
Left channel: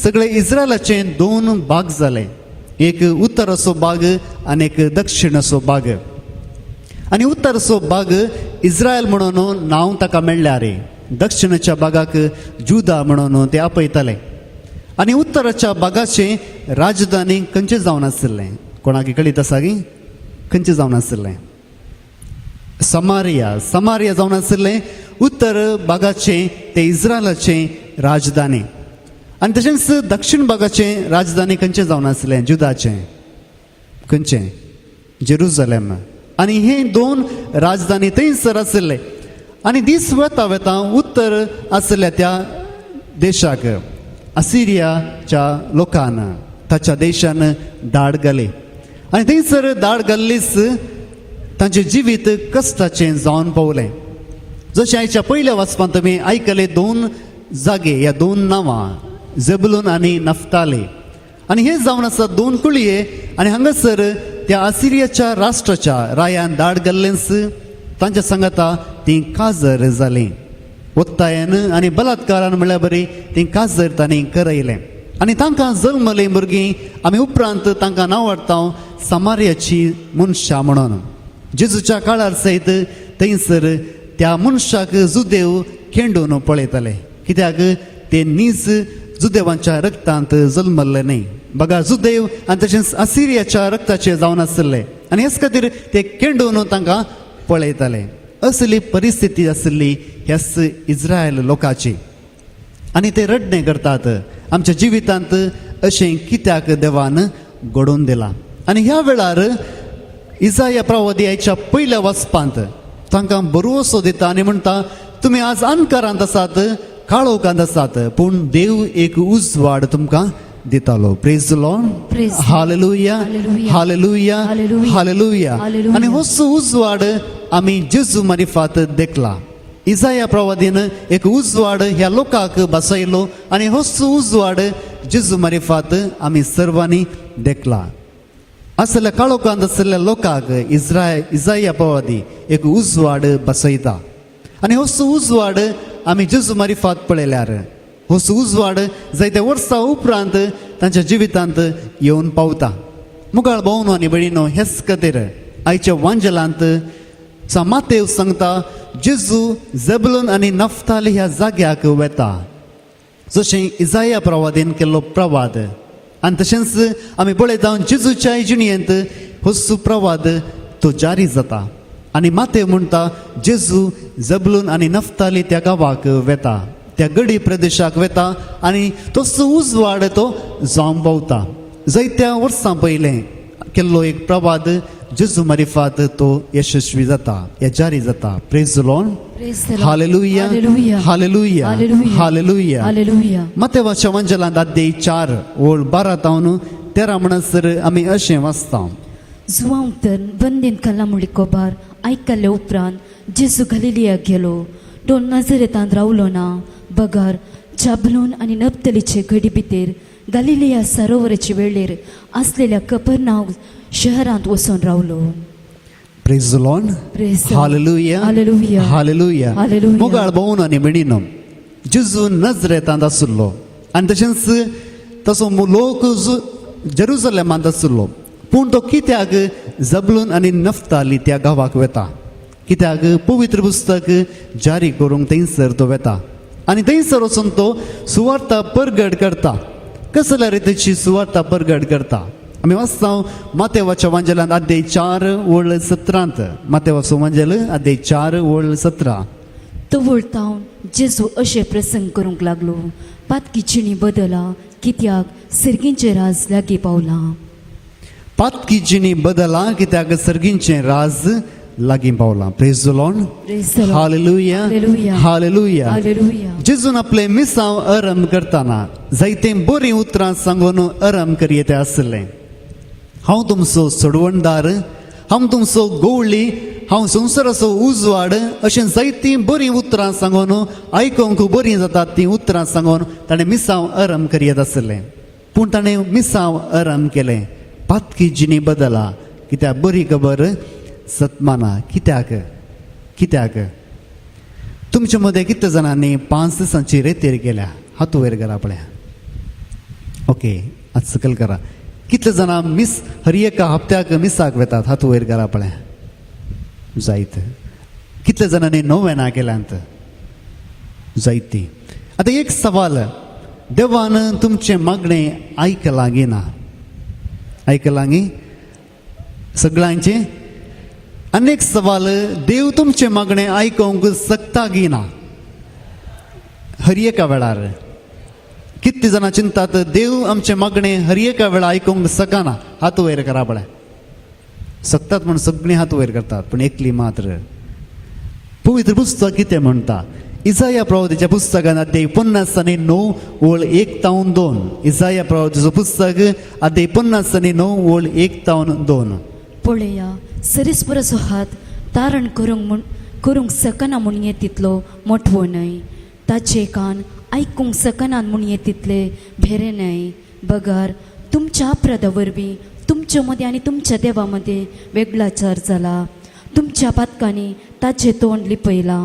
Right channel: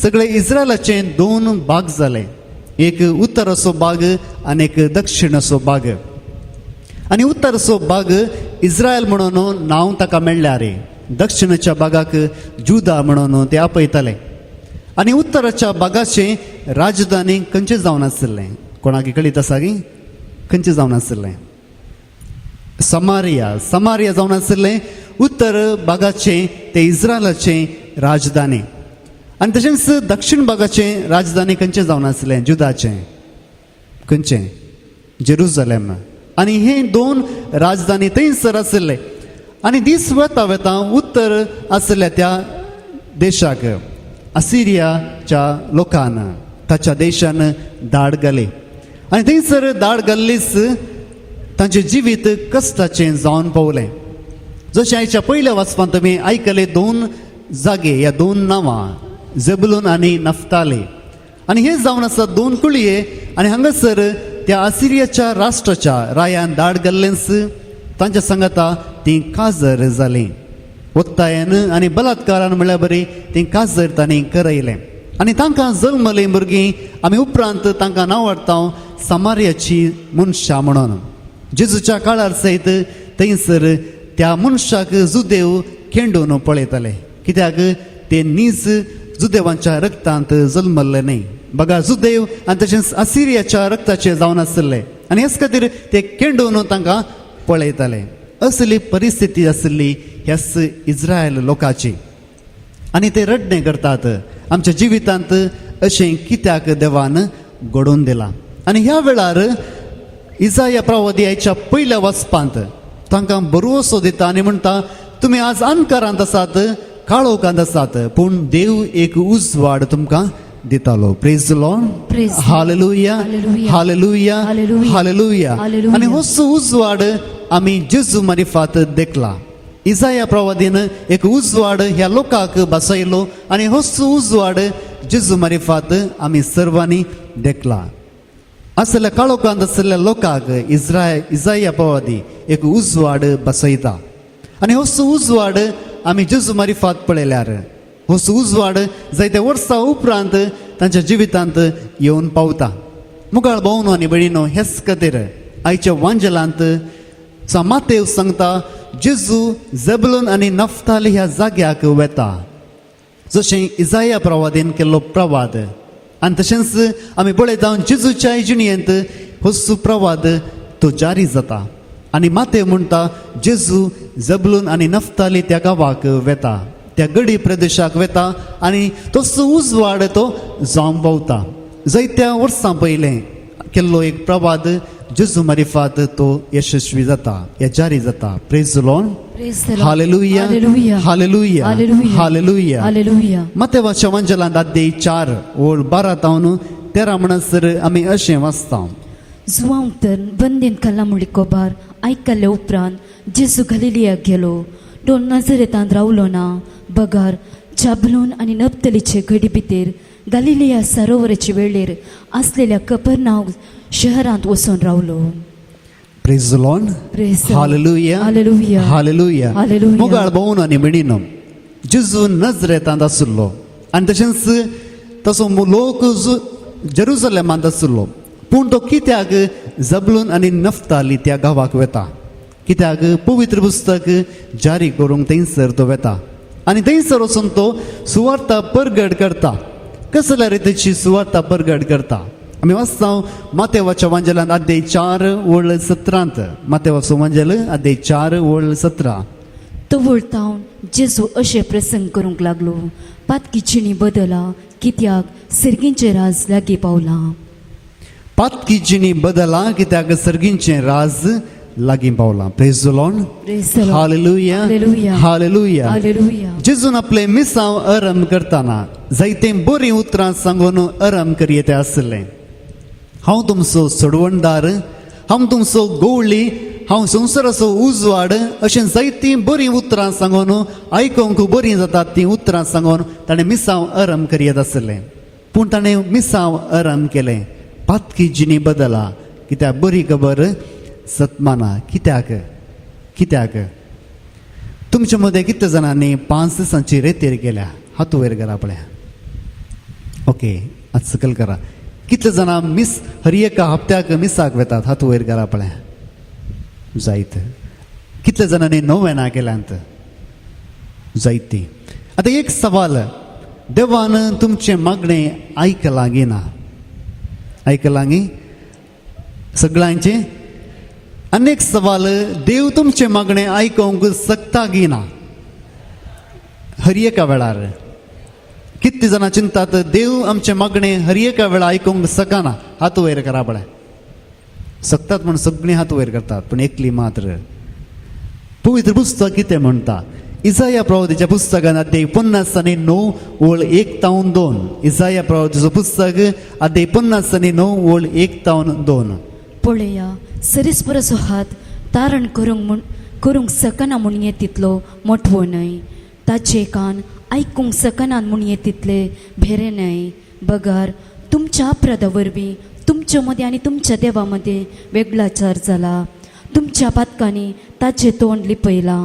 सगळे इस्रायलाचे दोन भाग जाले एक उत्तर असो भाग आनी एक दक्षिण असो भाग आणि उत्तर असो भाग इस्रायल म्हणून नाव ताका मेळ्ळ्यार दक्षिणाच्या भागाक जुदा म्हणून ते आपयताले आणि उत्तराच्या भागाचे राजधानी खंयचे जावन आसले कोणाक कळीत आसा की खंयचे जावन आसले समारिया जावन आसले उत्तर भागाचे ते इस्रायलाचे राजधानी आणि तशेंच दक्षिण भागाचे राजधानी खंयचे जावन आसले जुदाचे खंयचे जेरुसलेम आणि हे दोन राजधानी थंयसर आसले आणि दीस वता वता उत्तर आसल्या त्या देशाक असिरियाच्या लोकान ताच्या देशान धाड घाली आणि थंयसर धाड घाल्लीच तांचे जिवीत कश्टाचे जावन पावले जशें आयच्या पयल्या वाचपान तुमी आयकले दोन जागे या दोन नांवां झेबुलून आणि नफ्ताली आणि हे जावन आसा दोन कुळये आणि हांगासर त्या असिरियाच्या राष्ट्राच्या रायान धाड घाल्लेंच तांच्या सांगता ती काजर जाली वक्तायान आणि बलात्कारान म्हळ्यार बरी ती काजर तांणी करयले आणि तांकां जल्मली भुरगीं आमी उपरांत तांकां नांव हाडटा समारियाची मनशां म्हणून जेजूच्या काळार सयत थंयसर त्या मनशाक जुदेव खेंडून पळयताले कित्याक ते नीज जुदेवांच्या रक्तांत जल्मल्ले न्ही बघा जुदेव आनी तशेंच असिरियाच्या रक्ताचे जावन आसले आनी हेच खातीर ते खेंडून तांकां पळयताले असली परिस्थिती आसली ह्याच इस्रायल लोकांची आणि ते रडणे करतात आमच्या जिवितांत अशें कित्याक देवान घडोवन दिलां आणि ह्या वेळार इसाया प्रवादियाच्या पयल्या वचपांत तांकां भरवसो दिता आनी म्हणटा तुमी आज अंकारांत आसात काळोखांत आसात पूण देव एक उजवाड तुमकां दितालो praise the Lord Praise the Lord. Hallelujah Hallelujah. Hallelujah Hallelujah. Hallelujah Hallelujah. आणि हो उजवाड आमी जेजू मारिफात देखला इसाया प्रवादीन एक उजवाड ह्या लोकांक बसयलो आणि हो उजवाड जेजू मारिफात आमी सर्वांनी देखला असल्या काळोखांत असलेल्या लोकांक इसाया प्रवादी एक उजवाड बसयता आणि हो उजवाड आमी जेजू मारिफात पळयल्यार हो उजवाड जायत्या वर्सां उपरांत तांच्या जिवितांत येवन पावता मुगाळ भावनो आनी भयणीनो हेच खातीर आयच्या वांजलांत मातेव सांगता जेजू झेबुलून आनी नफ्ताली ह्या जाग्याक वेता जशें इसाया प्रवादीन केल्लो प्रवाद आनी तशेंच आमी पळयता जेजूच्या जिणेंत हो प्रवाद तो जारी जाता आनी मातेव म्हणटा जेजू झेबुलून आनी नफ्ताली त्या गांवाक वेता त्या गडी प्रदेशाक वेता आनी तो उजवाड तो जावन पावता जायत्या वर्सां पयलें केल्लो एक प्रवाद जेजू मारिफात तो यशस्वी जाता हे जारी जाता praise the Lord Praise the Lord. Hallelujah Hallelujah. Hallelujah Hallelujah. Hallelujah Hallelujah. मतेवाच्या वंजलांत अध्याय 4 ओळ 12 तावन 13 म्हणसर आमी अशें वाचता जुवांव तर बंदेन कल्ला मुडी कोबार आयकल्ले उपरांत जेजू गलिलिया गेलो तो नाझरेतांत रावलो ना बगर जाबलून आनी नफ्तलीचे गडी भितर गलिलिया सरोवराचे वेळेर आसलेल्या कफरनाहूम शहरांत वचून रावलो praise the Lord Praise the Lord. Hallelujah Hallelujah. Hallelujah Hallelujah. मोगाळ भोवन आनी म्हणिनो जेजू नजरेतांत आसलो आनी तशेंच तसो लोक जेरुसलेमांत आसलो पूण तो कित्याक झबलून आनी नफ्ताली त्या गांवाक वेता कित्याक पवित्र पुस्तक जारी करूंक थंयसर तो वेता आनी थंयसर वचून तो सुवार्ता परगट करता कसल्या रितीची सुवार्ता परगट करता आमी वाचता मातेवाच्या वांजलांत अध्याय 4 ओळ 17 मातेवाचो वांजल अध्याय 4 ओळ 17 तो वळतावन जेजू अशें प्रसंग करूंक लागलो पातकीचिणी बदला कित्याक सिरगींचे राज लागीं पावला पातकी जिणी बदला कित्याक सर्गींचे राज लागीं पावला praise the Lord Praise the Lord. Hallelujah Hallelujah. Hallelujah Hallelujah. जेजून आपले मिसांव आरंभ करताना जायते बरी उतरां सांगून आरंभ करीत आसले हांव तुमचो सोडवणदार हांव तुमचो गवळी हांव संवसाराचो उजवाड अशें जायतीं बरीं उतरां सांगून आयकूंक बरीं जातात तीं उतरां सांगून ताणें मिसांव आराम करीत आसलें. पूण ताणें मिसांव आराम केलें. पातकी जिणी बदला कित्याक बरी खबर सतमाना. कित्याक तुमचे मदें कितले जाणांनी 5 दिसांची रेतेर केल्या? हात वयर करा पळया. ओके, आज सकल करा. कितले जाणां हर एका हप्त्याक मिसाक वेतात? हात वयर करा पळया. जायत. कितले जाणांनी नोवेना केल्यांत? जायती. आता एक सवाल, देवान तुमचे मागणें आयकलां गी ना? आयकलां गी सगळ्यांचे? अनेक सवाल, देव तुमचे मागणें आयकूंक शकता गी ना? हर एका वेळार कितले जाणां चिंतात देव आमचे मागणें हर एका वेळा आयकूंक शकना? हात वयर करा पळय. सकतात म्हण सगळीं हात वयर करतात, पण एकली मात्र. पवित्र पुस्तक कितें म्हणटा? इसाया प्रवादीच्या पुस्तकान अध्याय 50:9 ओळ 1-2. इसाया प्रवादीचो पुस्तक अध्याय 50:9 ओळ 1-2. पळया, सरीसपराचो हात तारण करूंक सकना म्हूण तितलो मोठवो न्हय. ताचे कान आयकूंक सकनात म्हूण तितले भेरे न्हय. बगार, तुमच्या अपराधा वरवीं तुमच्या मदें आनी तुमच्या देवा मदें वेगळाचार जाला. तुमच्या पातकांनी ताचे तोंड लिपयलां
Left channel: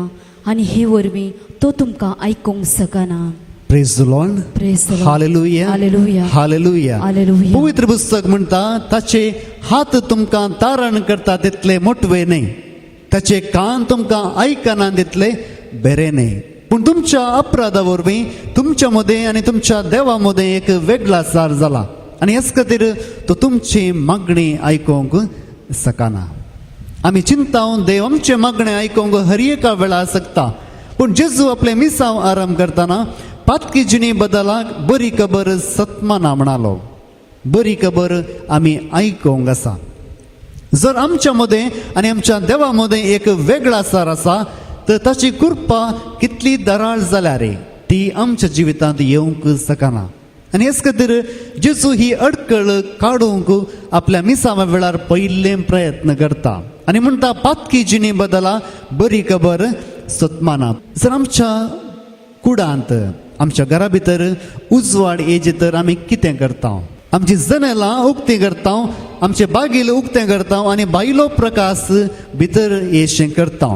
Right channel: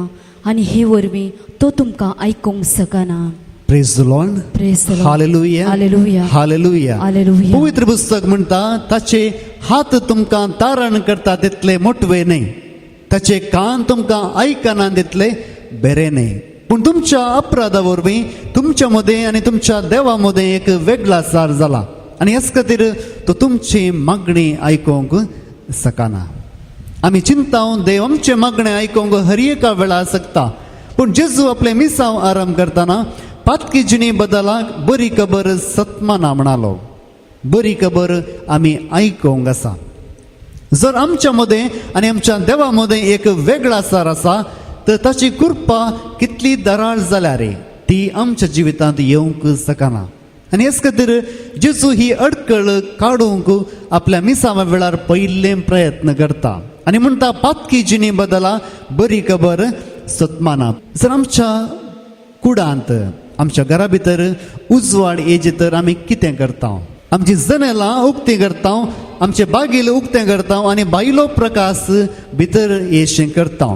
आनी हे वरवीं तो तुमकां आयकूंक सकना. Praise the Lord. Praise the Lord. Hallelujah. Hallelujah. Hallelujah. Hallelujah. पवित्र पुस्तक म्हणटा ताचे हात तुमकां तारण करता तितले मोठवे न्हय. ताचे कान तुमकां आयकना तितले बरे न्हय. पूण तुमच्या अपराधा वरवीं तुमच्या मदें आनी तुमच्या देवा मदें एक वेगळाचार जाला. आनी हेच खातीर तो तुमची मागणी आयकूंक सकना. आमी चिंता देव आमचे मागणें आयकूंक हर एका वेळा शकता. पूण जेजू आपले मिसांव आराम करतना पातकी जिणी बदलाक बरी खबर सतमाना म्हणालो. बरी खबर आमी आयकूंक आसा. जर आमच्या मदें आनी आमच्या देवा मदें एक वेगळाचार आसा तर ताची कृपा कितली दराळ जाल्या रे ती आमच्या जिवितांत येवंक शकना. आनी हेच खातीर जेजू ही अडकळ काडूंक आपल्या मिसाव्या वेळार पयले प्रयत्न करता आनी म्हणटा पातकी जिणी बदला बरी खबर सतमाना. जर आमच्या कुडांत आमच्या घरा भितर उजवाड येजे तर आमी कितें करता? आमची जनेलां उक्ती करता, आमचे बागेल उक्तें करता आनी भायलो प्रकाश भितर येशें करता.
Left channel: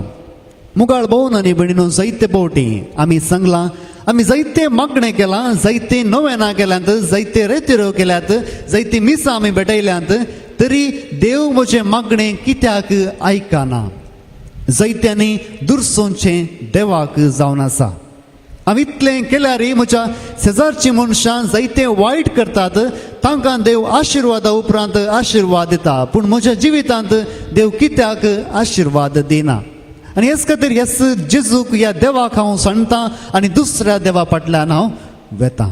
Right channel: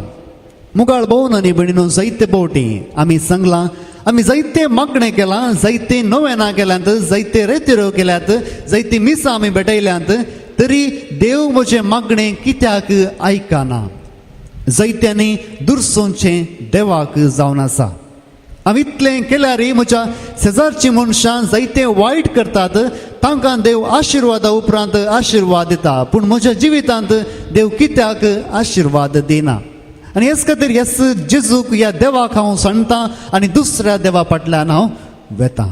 मुगाळ भोवन आनी भयणीनो जायते पावटी आमी सांगलां, आमी जायते मागणें केलां, जायते नोवेना केल्यांत, जायते रेतेऱ्यो केल्यात, जायती मिसां आमी भेटयल्यांत, तरी देव म्हजें मागणें कित्याक आयकना? जायत्यांनी दुरसोंचें देवाक जावन आसा. हांव इतलें केल्यार म्हज्या शेजारची मनशां जायते वायट करतात, तांकां देव आशिर्वादा उपरांत आशिर्वाद दिता, पूण म्हज्या जिवितांत देव कित्याक आशिर्वाद दिना? आनी हेच खातीर हेच जेजूक ह्या देवाक हांव सांगतां आनी दुसऱ्या देवा फाटल्यान हांव वेतां.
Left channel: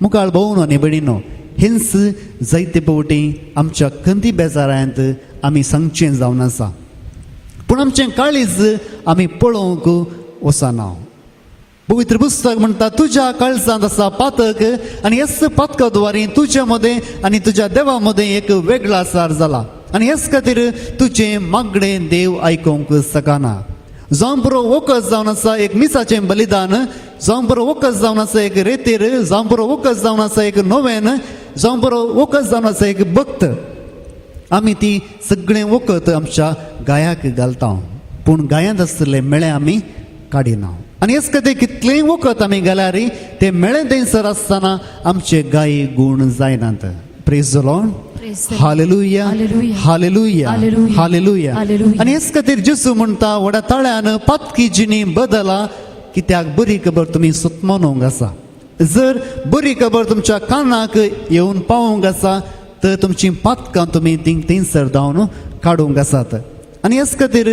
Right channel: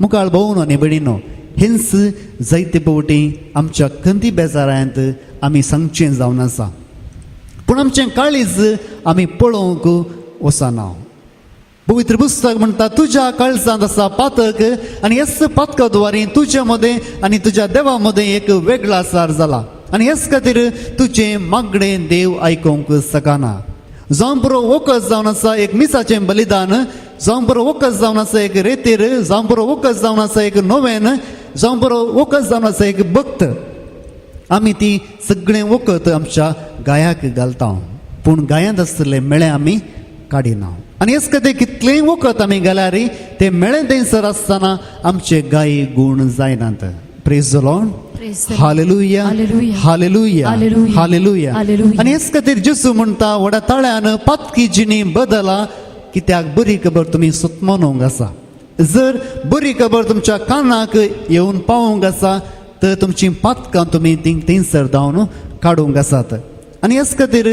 मुखार भोवन आनी भयणीनो, हेंच जायते पावटी आमच्या खंती बेजारांत आमी सांगचें जावन आसा. पूण आमचें काळीज आमी पळोवंक वचना. पवित्र पुस्तक म्हणटा तुज्या काळजांत आसा पातक आनी हेच पातका द्वारे तुज्या मदें आनी तुज्या देवा मदें एक वेगळाचार जाला. आनी हेच खातीर तुजें मागणें देव आयकूंक शकना. जावं बरो वखद जावन आसा एक मिसाचें बलिदान, जावं बरो वखद जावन आसा एक रेतीर, जावं बरो वखद जावन आसा एक नोवेन, जावं बरो वखद जावन आसा एक भक्त, आमी ती सगळें वखद आमच्या गायाक घालता, पूण गायांत आसतले मेळे आमी काडिना. आनी हेच खातीर कितलेंय वखद आमी घाल्यार ते मेळे थंयसर आसतना आमचे गायी गूण जायनात. Praise the Lord. Hallelujah. Hallelujah. Hallelujah. आनी हेच खातीर जेजू म्हणटा व्हड्या ताळ्यान पातकी जिणी बदला, कित्याक बरी खबर तुमी सुतमानूंक आसा. जर बरी खबर तुमच्या कानाक येवन पावोंक आसा तर तुमची पातकां तुमी थंयसर धांवन काडूंक आसात. आनी हेच खातीर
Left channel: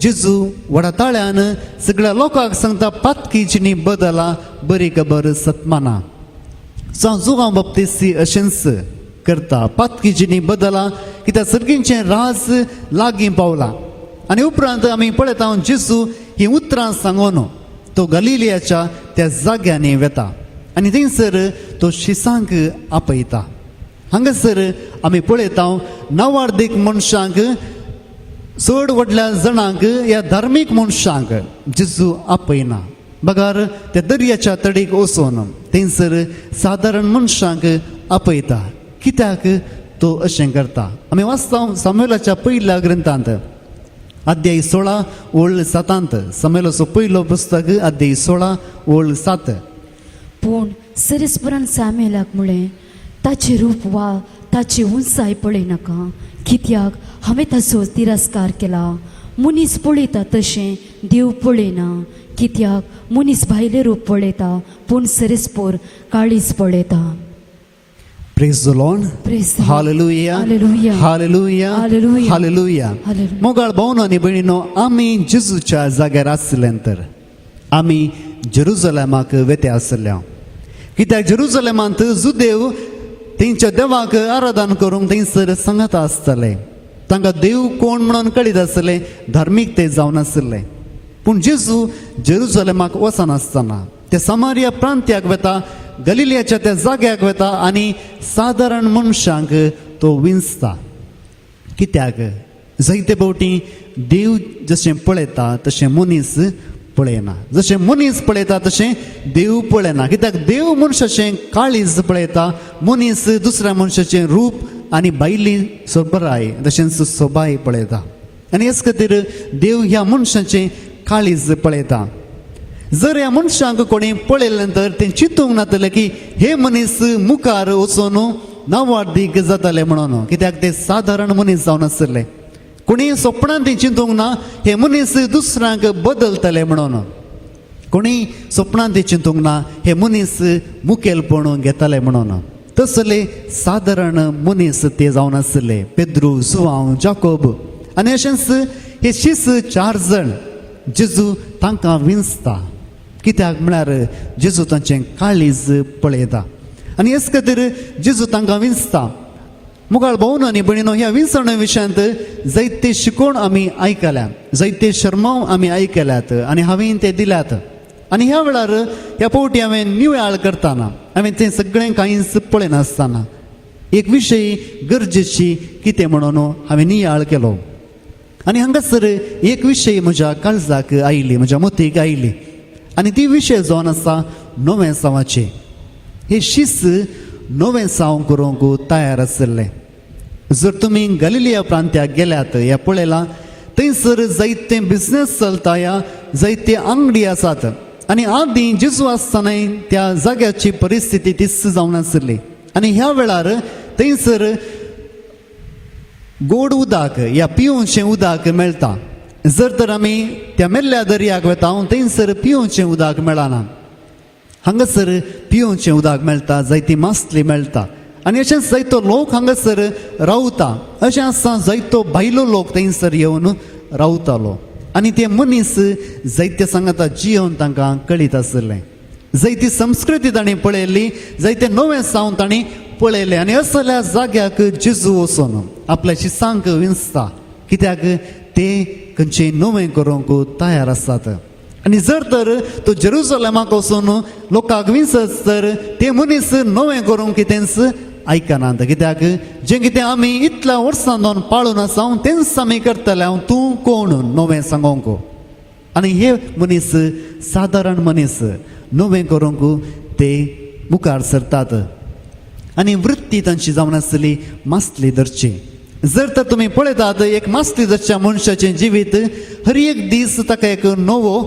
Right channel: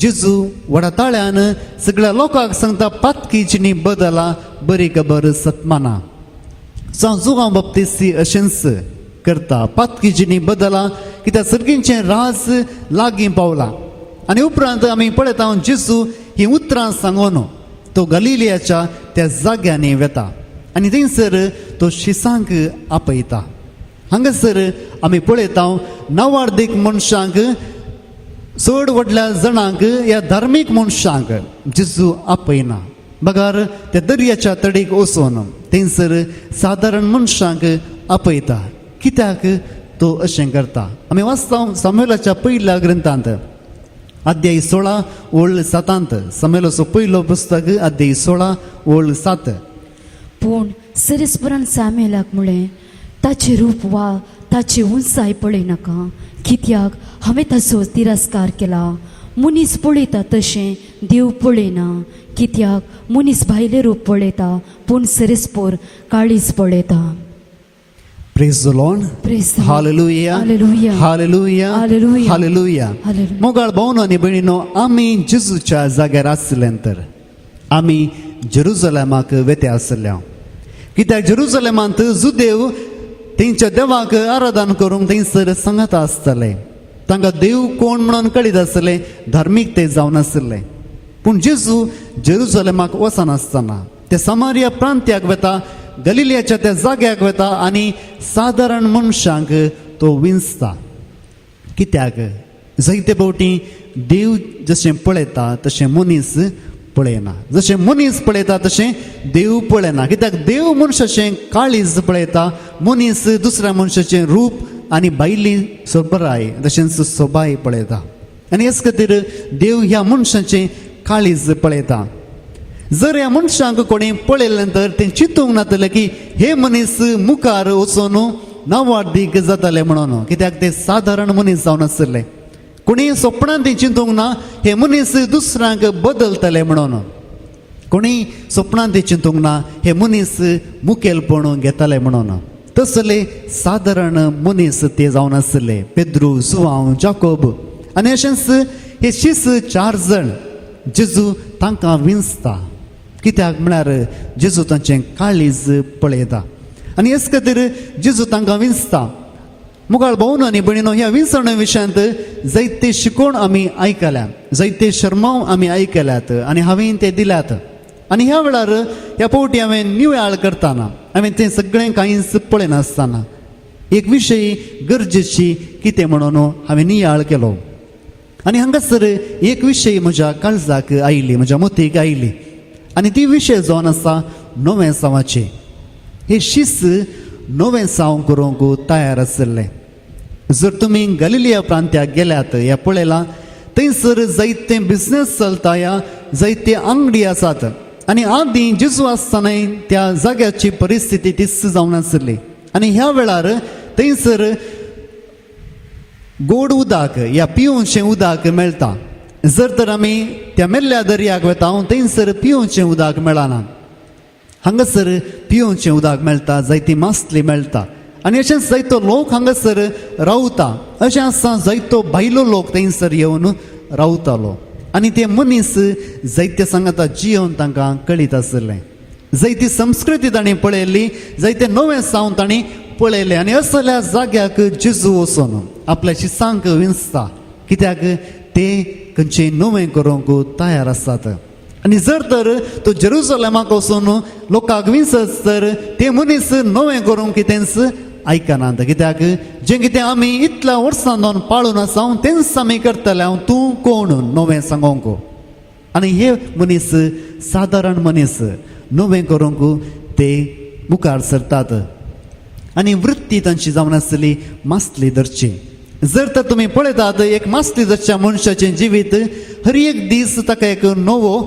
जेजू व्हड्या ताळ्यान सगळ्या लोकांक सांगता पातकी जिणी बदला, बरी खबर सतमाना. जावं जुगांव बाप्तिस्ती अशेंच करता, पातकी जिणी बदला, कित्याक सर्गींचें राज लागीं पावलां. आनी उपरांत आमी पळयता जेजू ही उतरां सांगून तो गलिलियाच्या त्या जाग्यांनी वेता आनी थंयसर तो शिसांक आपयता. हांगासर आमी पळयता नवार्दीक मनशांक चड व्हडल्या जाणांक ह्या धार्मीक मनशांक जेजू आपयना. बगार त्या दर्याच्या तडीक वचून थंयसर सादारण मनशांक आपयता. कित्याक तो अशें करता? आमी वाचता सामुएलाच्या पयल्या ग्रंथांत अध्याय 16 ओळ 7. सामुएलाचो पयलो पुस्तक अध्याय 16 ओळ 7. पूण सरस्परान सामेलाक म्हळें, ताचे रूप वा ताची उंचाय पळयनाका, कित्याक हांवें ताचो तिरस्कार केला. मनीस पळयता तशें देव पळयना, कित्याक मनीस भायले रूप पळयता पूण सरस्पोर काळीज पळयता. Praise the Lord. Praise the Lord. Hallelujah. Hallelujah. Hallelujah. Hallelujah. Hallelujah. Hallelujah. मोगाळ भावन आनी भयणीनो, आमी जेजूच्या जाग्यार आसल्यानंतर आमी जेरुसलेमाक वेते आसल्या. कित्याक जेरुसलेमांत जुदेव तेंच्या देवाक आराधन करूंक थंयसर संगत आसतले. तांकां देव कोण म्हणून कळीत आसले, धार्मीक ते जावन आसले. पूण जेजू जेरुसलेमाक वचनासतना ते समारिया प्रांत्याक वता, गलिलियाच्या त्या जाग्याक वता आनी सादारण मनशांक तो विंचता. कित्याक जायते फावटी देव जशें पळयता तशें मनीस पळयना. जशें मनीस पळयता तशें देव पळयना. कित्याक देव मनशाचें काळीज पळयता, मनीस दुसऱ्या मनशाचें रूप आनी भायली बराय तशेंच सोबाय पळयता. आनी हेच खातीर देव ह्या मनशाचें काळीज पळयता. जर ह्या मनशांक कोणी पळयले नंतर ते चिंतूंक नातले की हे मनीस मुखार वचून नांवार्थीक जातले म्हणून, कित्याक ते सादारण मनीस जावन आसले. कोणी स्वप्नांत ते चिंतूंक ना हे मनीस दुसऱ्यांक बदलतले म्हणून. कोणी स्वप्नांत ते चिंतूंक ना हे मनीस मुखेलपण घेतले म्हणून. तसले सादारण मनीस ते जावन आसले. पेद्रू, जुआंव, जाकोब आनी अशेंच हे 4 जण जेजू तांकां विंचता. कित्याक म्हळ्यार जेजू तांचें काळीज पळयता आनी हेच खातीर जेजू तांकां विंचता. मुगाळ भावन आनी भयणीनो, ह्या विंचणे विशयांत जायते शिकोण आमी आयकल्या, जायते शर्माव आमी आयकल्यात आनी हांवें ते दिल्यात. आनी ह्या वेळार ह्या फावटी हांवें निवळ करताना हांवें तें सगळें कांयच पळयनासतना एक विशय गरजेची कितें म्हणून हांवें नियाळ केलो. आनी हांगासर एक विशय म्हज्या काळजाक आयली, म्हज्या मतीक आयली आनी ती विशय जावन आसा नवें सावाचे. हे शीस नवें साव करूंक तयार आसले. जर तुमी गलिलिया प्रांत्याक गेल्यात, हे पळयलां, थंयसर जायते बिझनेस चलता, जायते अंगडी आसात. आनी आदीं जेजू आसतना त्या जाग्याची परिस्थिती तिस जावन आसली. आनी ह्या वेळार थंयसर गोड उदक या पिवूंचें उदक मेळटा. जर तर आमी त्या मेल्ल्या दर्याक वता, थंयसर पिवूंचें उदक मेळना. हांगासर पिवूंचें उदक मेळटा, जायती मासली मेळटा आनी अशेंच जायतो लोक हांगासर रावता. अशें आसा जायतो भायलो लोक थंयसर येवन रावतालो आनी ते मनीस जायते सांगता जियोन तांकां कळीत आसले. जायती संस्कृती तांणी पळयली, जायते नवें साव तांणी पळयले आनी असल्या जाग्याक जेजू वचून आपल्या शिसांक विंचता. कित्याक ते खंयचें नवें करूंक तयार आसात. आनी जर तर तो जेरुसलेमाक वचून लोकांक विंचत तर ते मनीस नवें करूंक कितेंच आयकनात. कित्याक जें कितें आमी इतल्या वर्सां जावन पाळून आसा तेंच आमी करतले. तूं कोण नवें सांगोंक? आनी हे मनीस सादारण मनीस नवें करूंक ते मुखार सरतात. आनी वृत्ती तांची जावन आसली मासली धरची. जर तर तुमी पळयतात, एक मासली धरच्या मनशाचें जिवीत हर एक दीस ताका एक नवो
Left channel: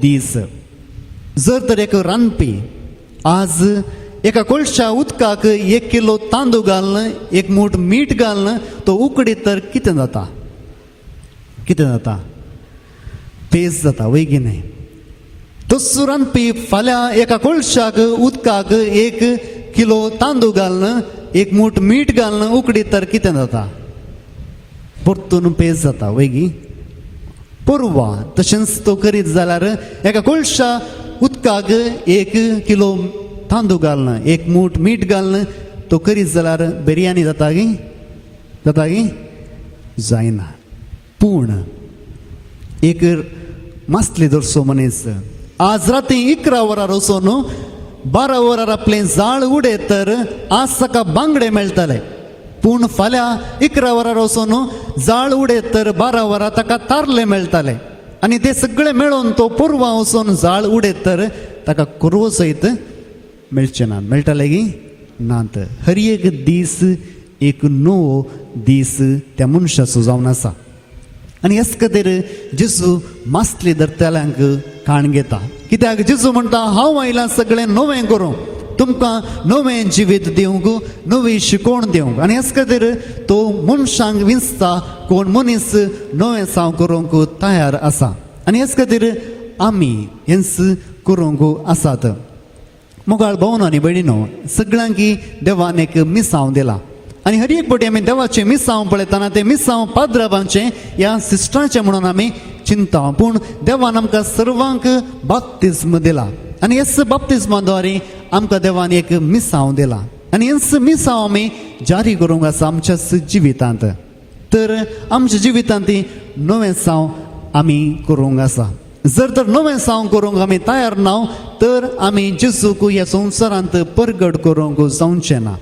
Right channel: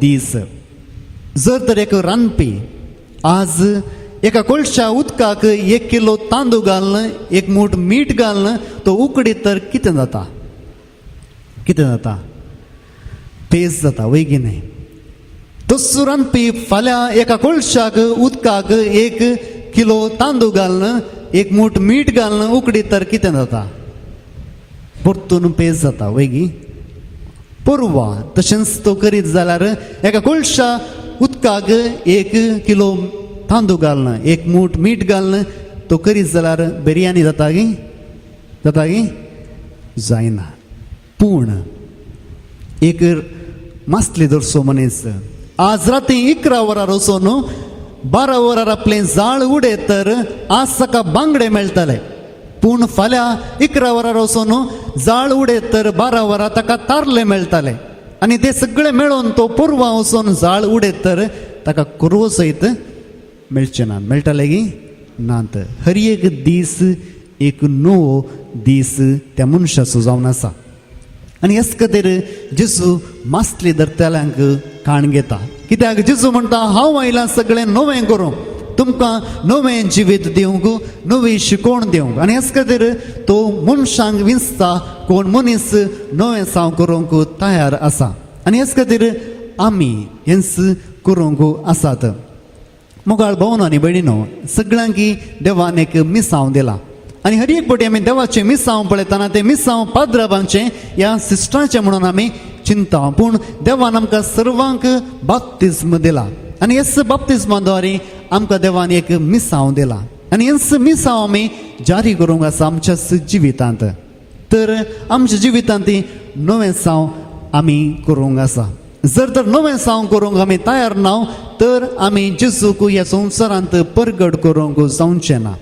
दीस. जर तर एक रांदपी आज एका कोळशा उदकाक 1 किलो तांदूळ घालन, 1 मूठ मीठ घालन तो उकडीत तर कितें जाता? कितें जाता? पेज जाता, वैगिने. तसो रांदपी फाल्यां एका कोळशाक उदकाक 1 किलो तांदूळ घालन, 1 मूठ मीठ घालन उकडीत तर कितें जाता? परतून पेज जाता, वैगी. परवा तशेंच तो करीत जाल्यार एका कोळशा उदकाक 1 किलो तांदूळ घालन, 1 मूठ मीठ घालन तो करीत जाल्यार बिरयानी जाता गी? जाता गी? जायना. पूण एक मासली धरसो मनीस आज राती 11 वरां वचून 12 वरां आपलें जाळ उडयत तर आज सकाळ बांगडे मेळटले. पूण फाल्यां 11 वरां वचून जाळ उडयत तर 12 वरां ताका तारले मेळटाले आनी ते सगळे मेळोन तो पुरवां वचून जाळ उडयत तर ताका कुरवो सयत मेळचे ना मेळटले की नात हर एक दीस एक नवो दीस त्या मनशाचो जावन आसा आनी हेच खातीर जेजू मासली धरतल्यांक काण घेता कित्याक जेजू म्हणटा हांव आयलां सगळें नवें करूंक तुमकां नवें जिवीत दिवंक नवी शिकोवण दिवंक आनी हेच खातीर तो मनशांक विंचता कोण मनीस नवें साव करूंक तयार आसा आनी हेच खातीर आमी हेंच करूंक आसात मोगाळ भावनांनी भयणीनो सगळ्यांक देवान एक मिसांव दिला आनी हर एक फावटी आमी देवाचें मिसांव पळयतना तें मिसांव पाद्राबांचें ह्या सिस्टराचें म्हणून आमी चिंता पूण देवान आमकां सर्वांक बाप्तिस्म दिला आनी हेच बाप्तिस्माद्वारे आमकां देवान एक मिसांव दिला आनी हेच मिसांव आमी जारी करूंक आसा आमच्याच जिवितांत तर आमच्या जिवितांत नवें साव आमी करूंक आसा जर तर नवें साव करूंक आमी तयार ना तर आमी जेजूक ह्या संवसारांत परगट करूंक जावचें ना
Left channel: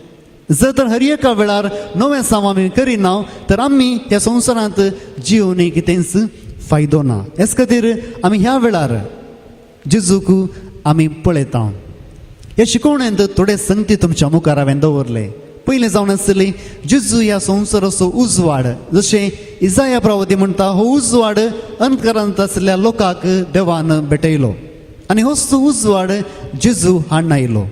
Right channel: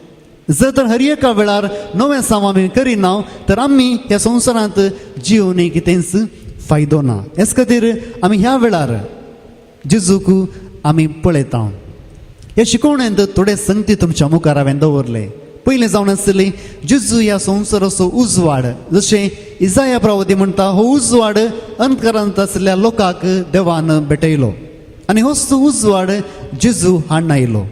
जर तर हर एका वेळार नवें साव आमी करिना तर आमी ह्या संवसारांत जिवन कितेंच फायदो ना हेच खातीर आमी ह्या वेळार जेजूक आमी पळयता हे शिकवण्यांत थोडे संगती तुमच्या मुखार हांवें दवरले पयलें जावन आसली जेजू ह्या संवसाराचो उजवाड जशें इसाया प्रवादी म्हणटा हो उजवाड अंधकारांत आसलेल्या लोकांक देवान भेटयलो आनी होच उजवाड जेजू हाडून आयलो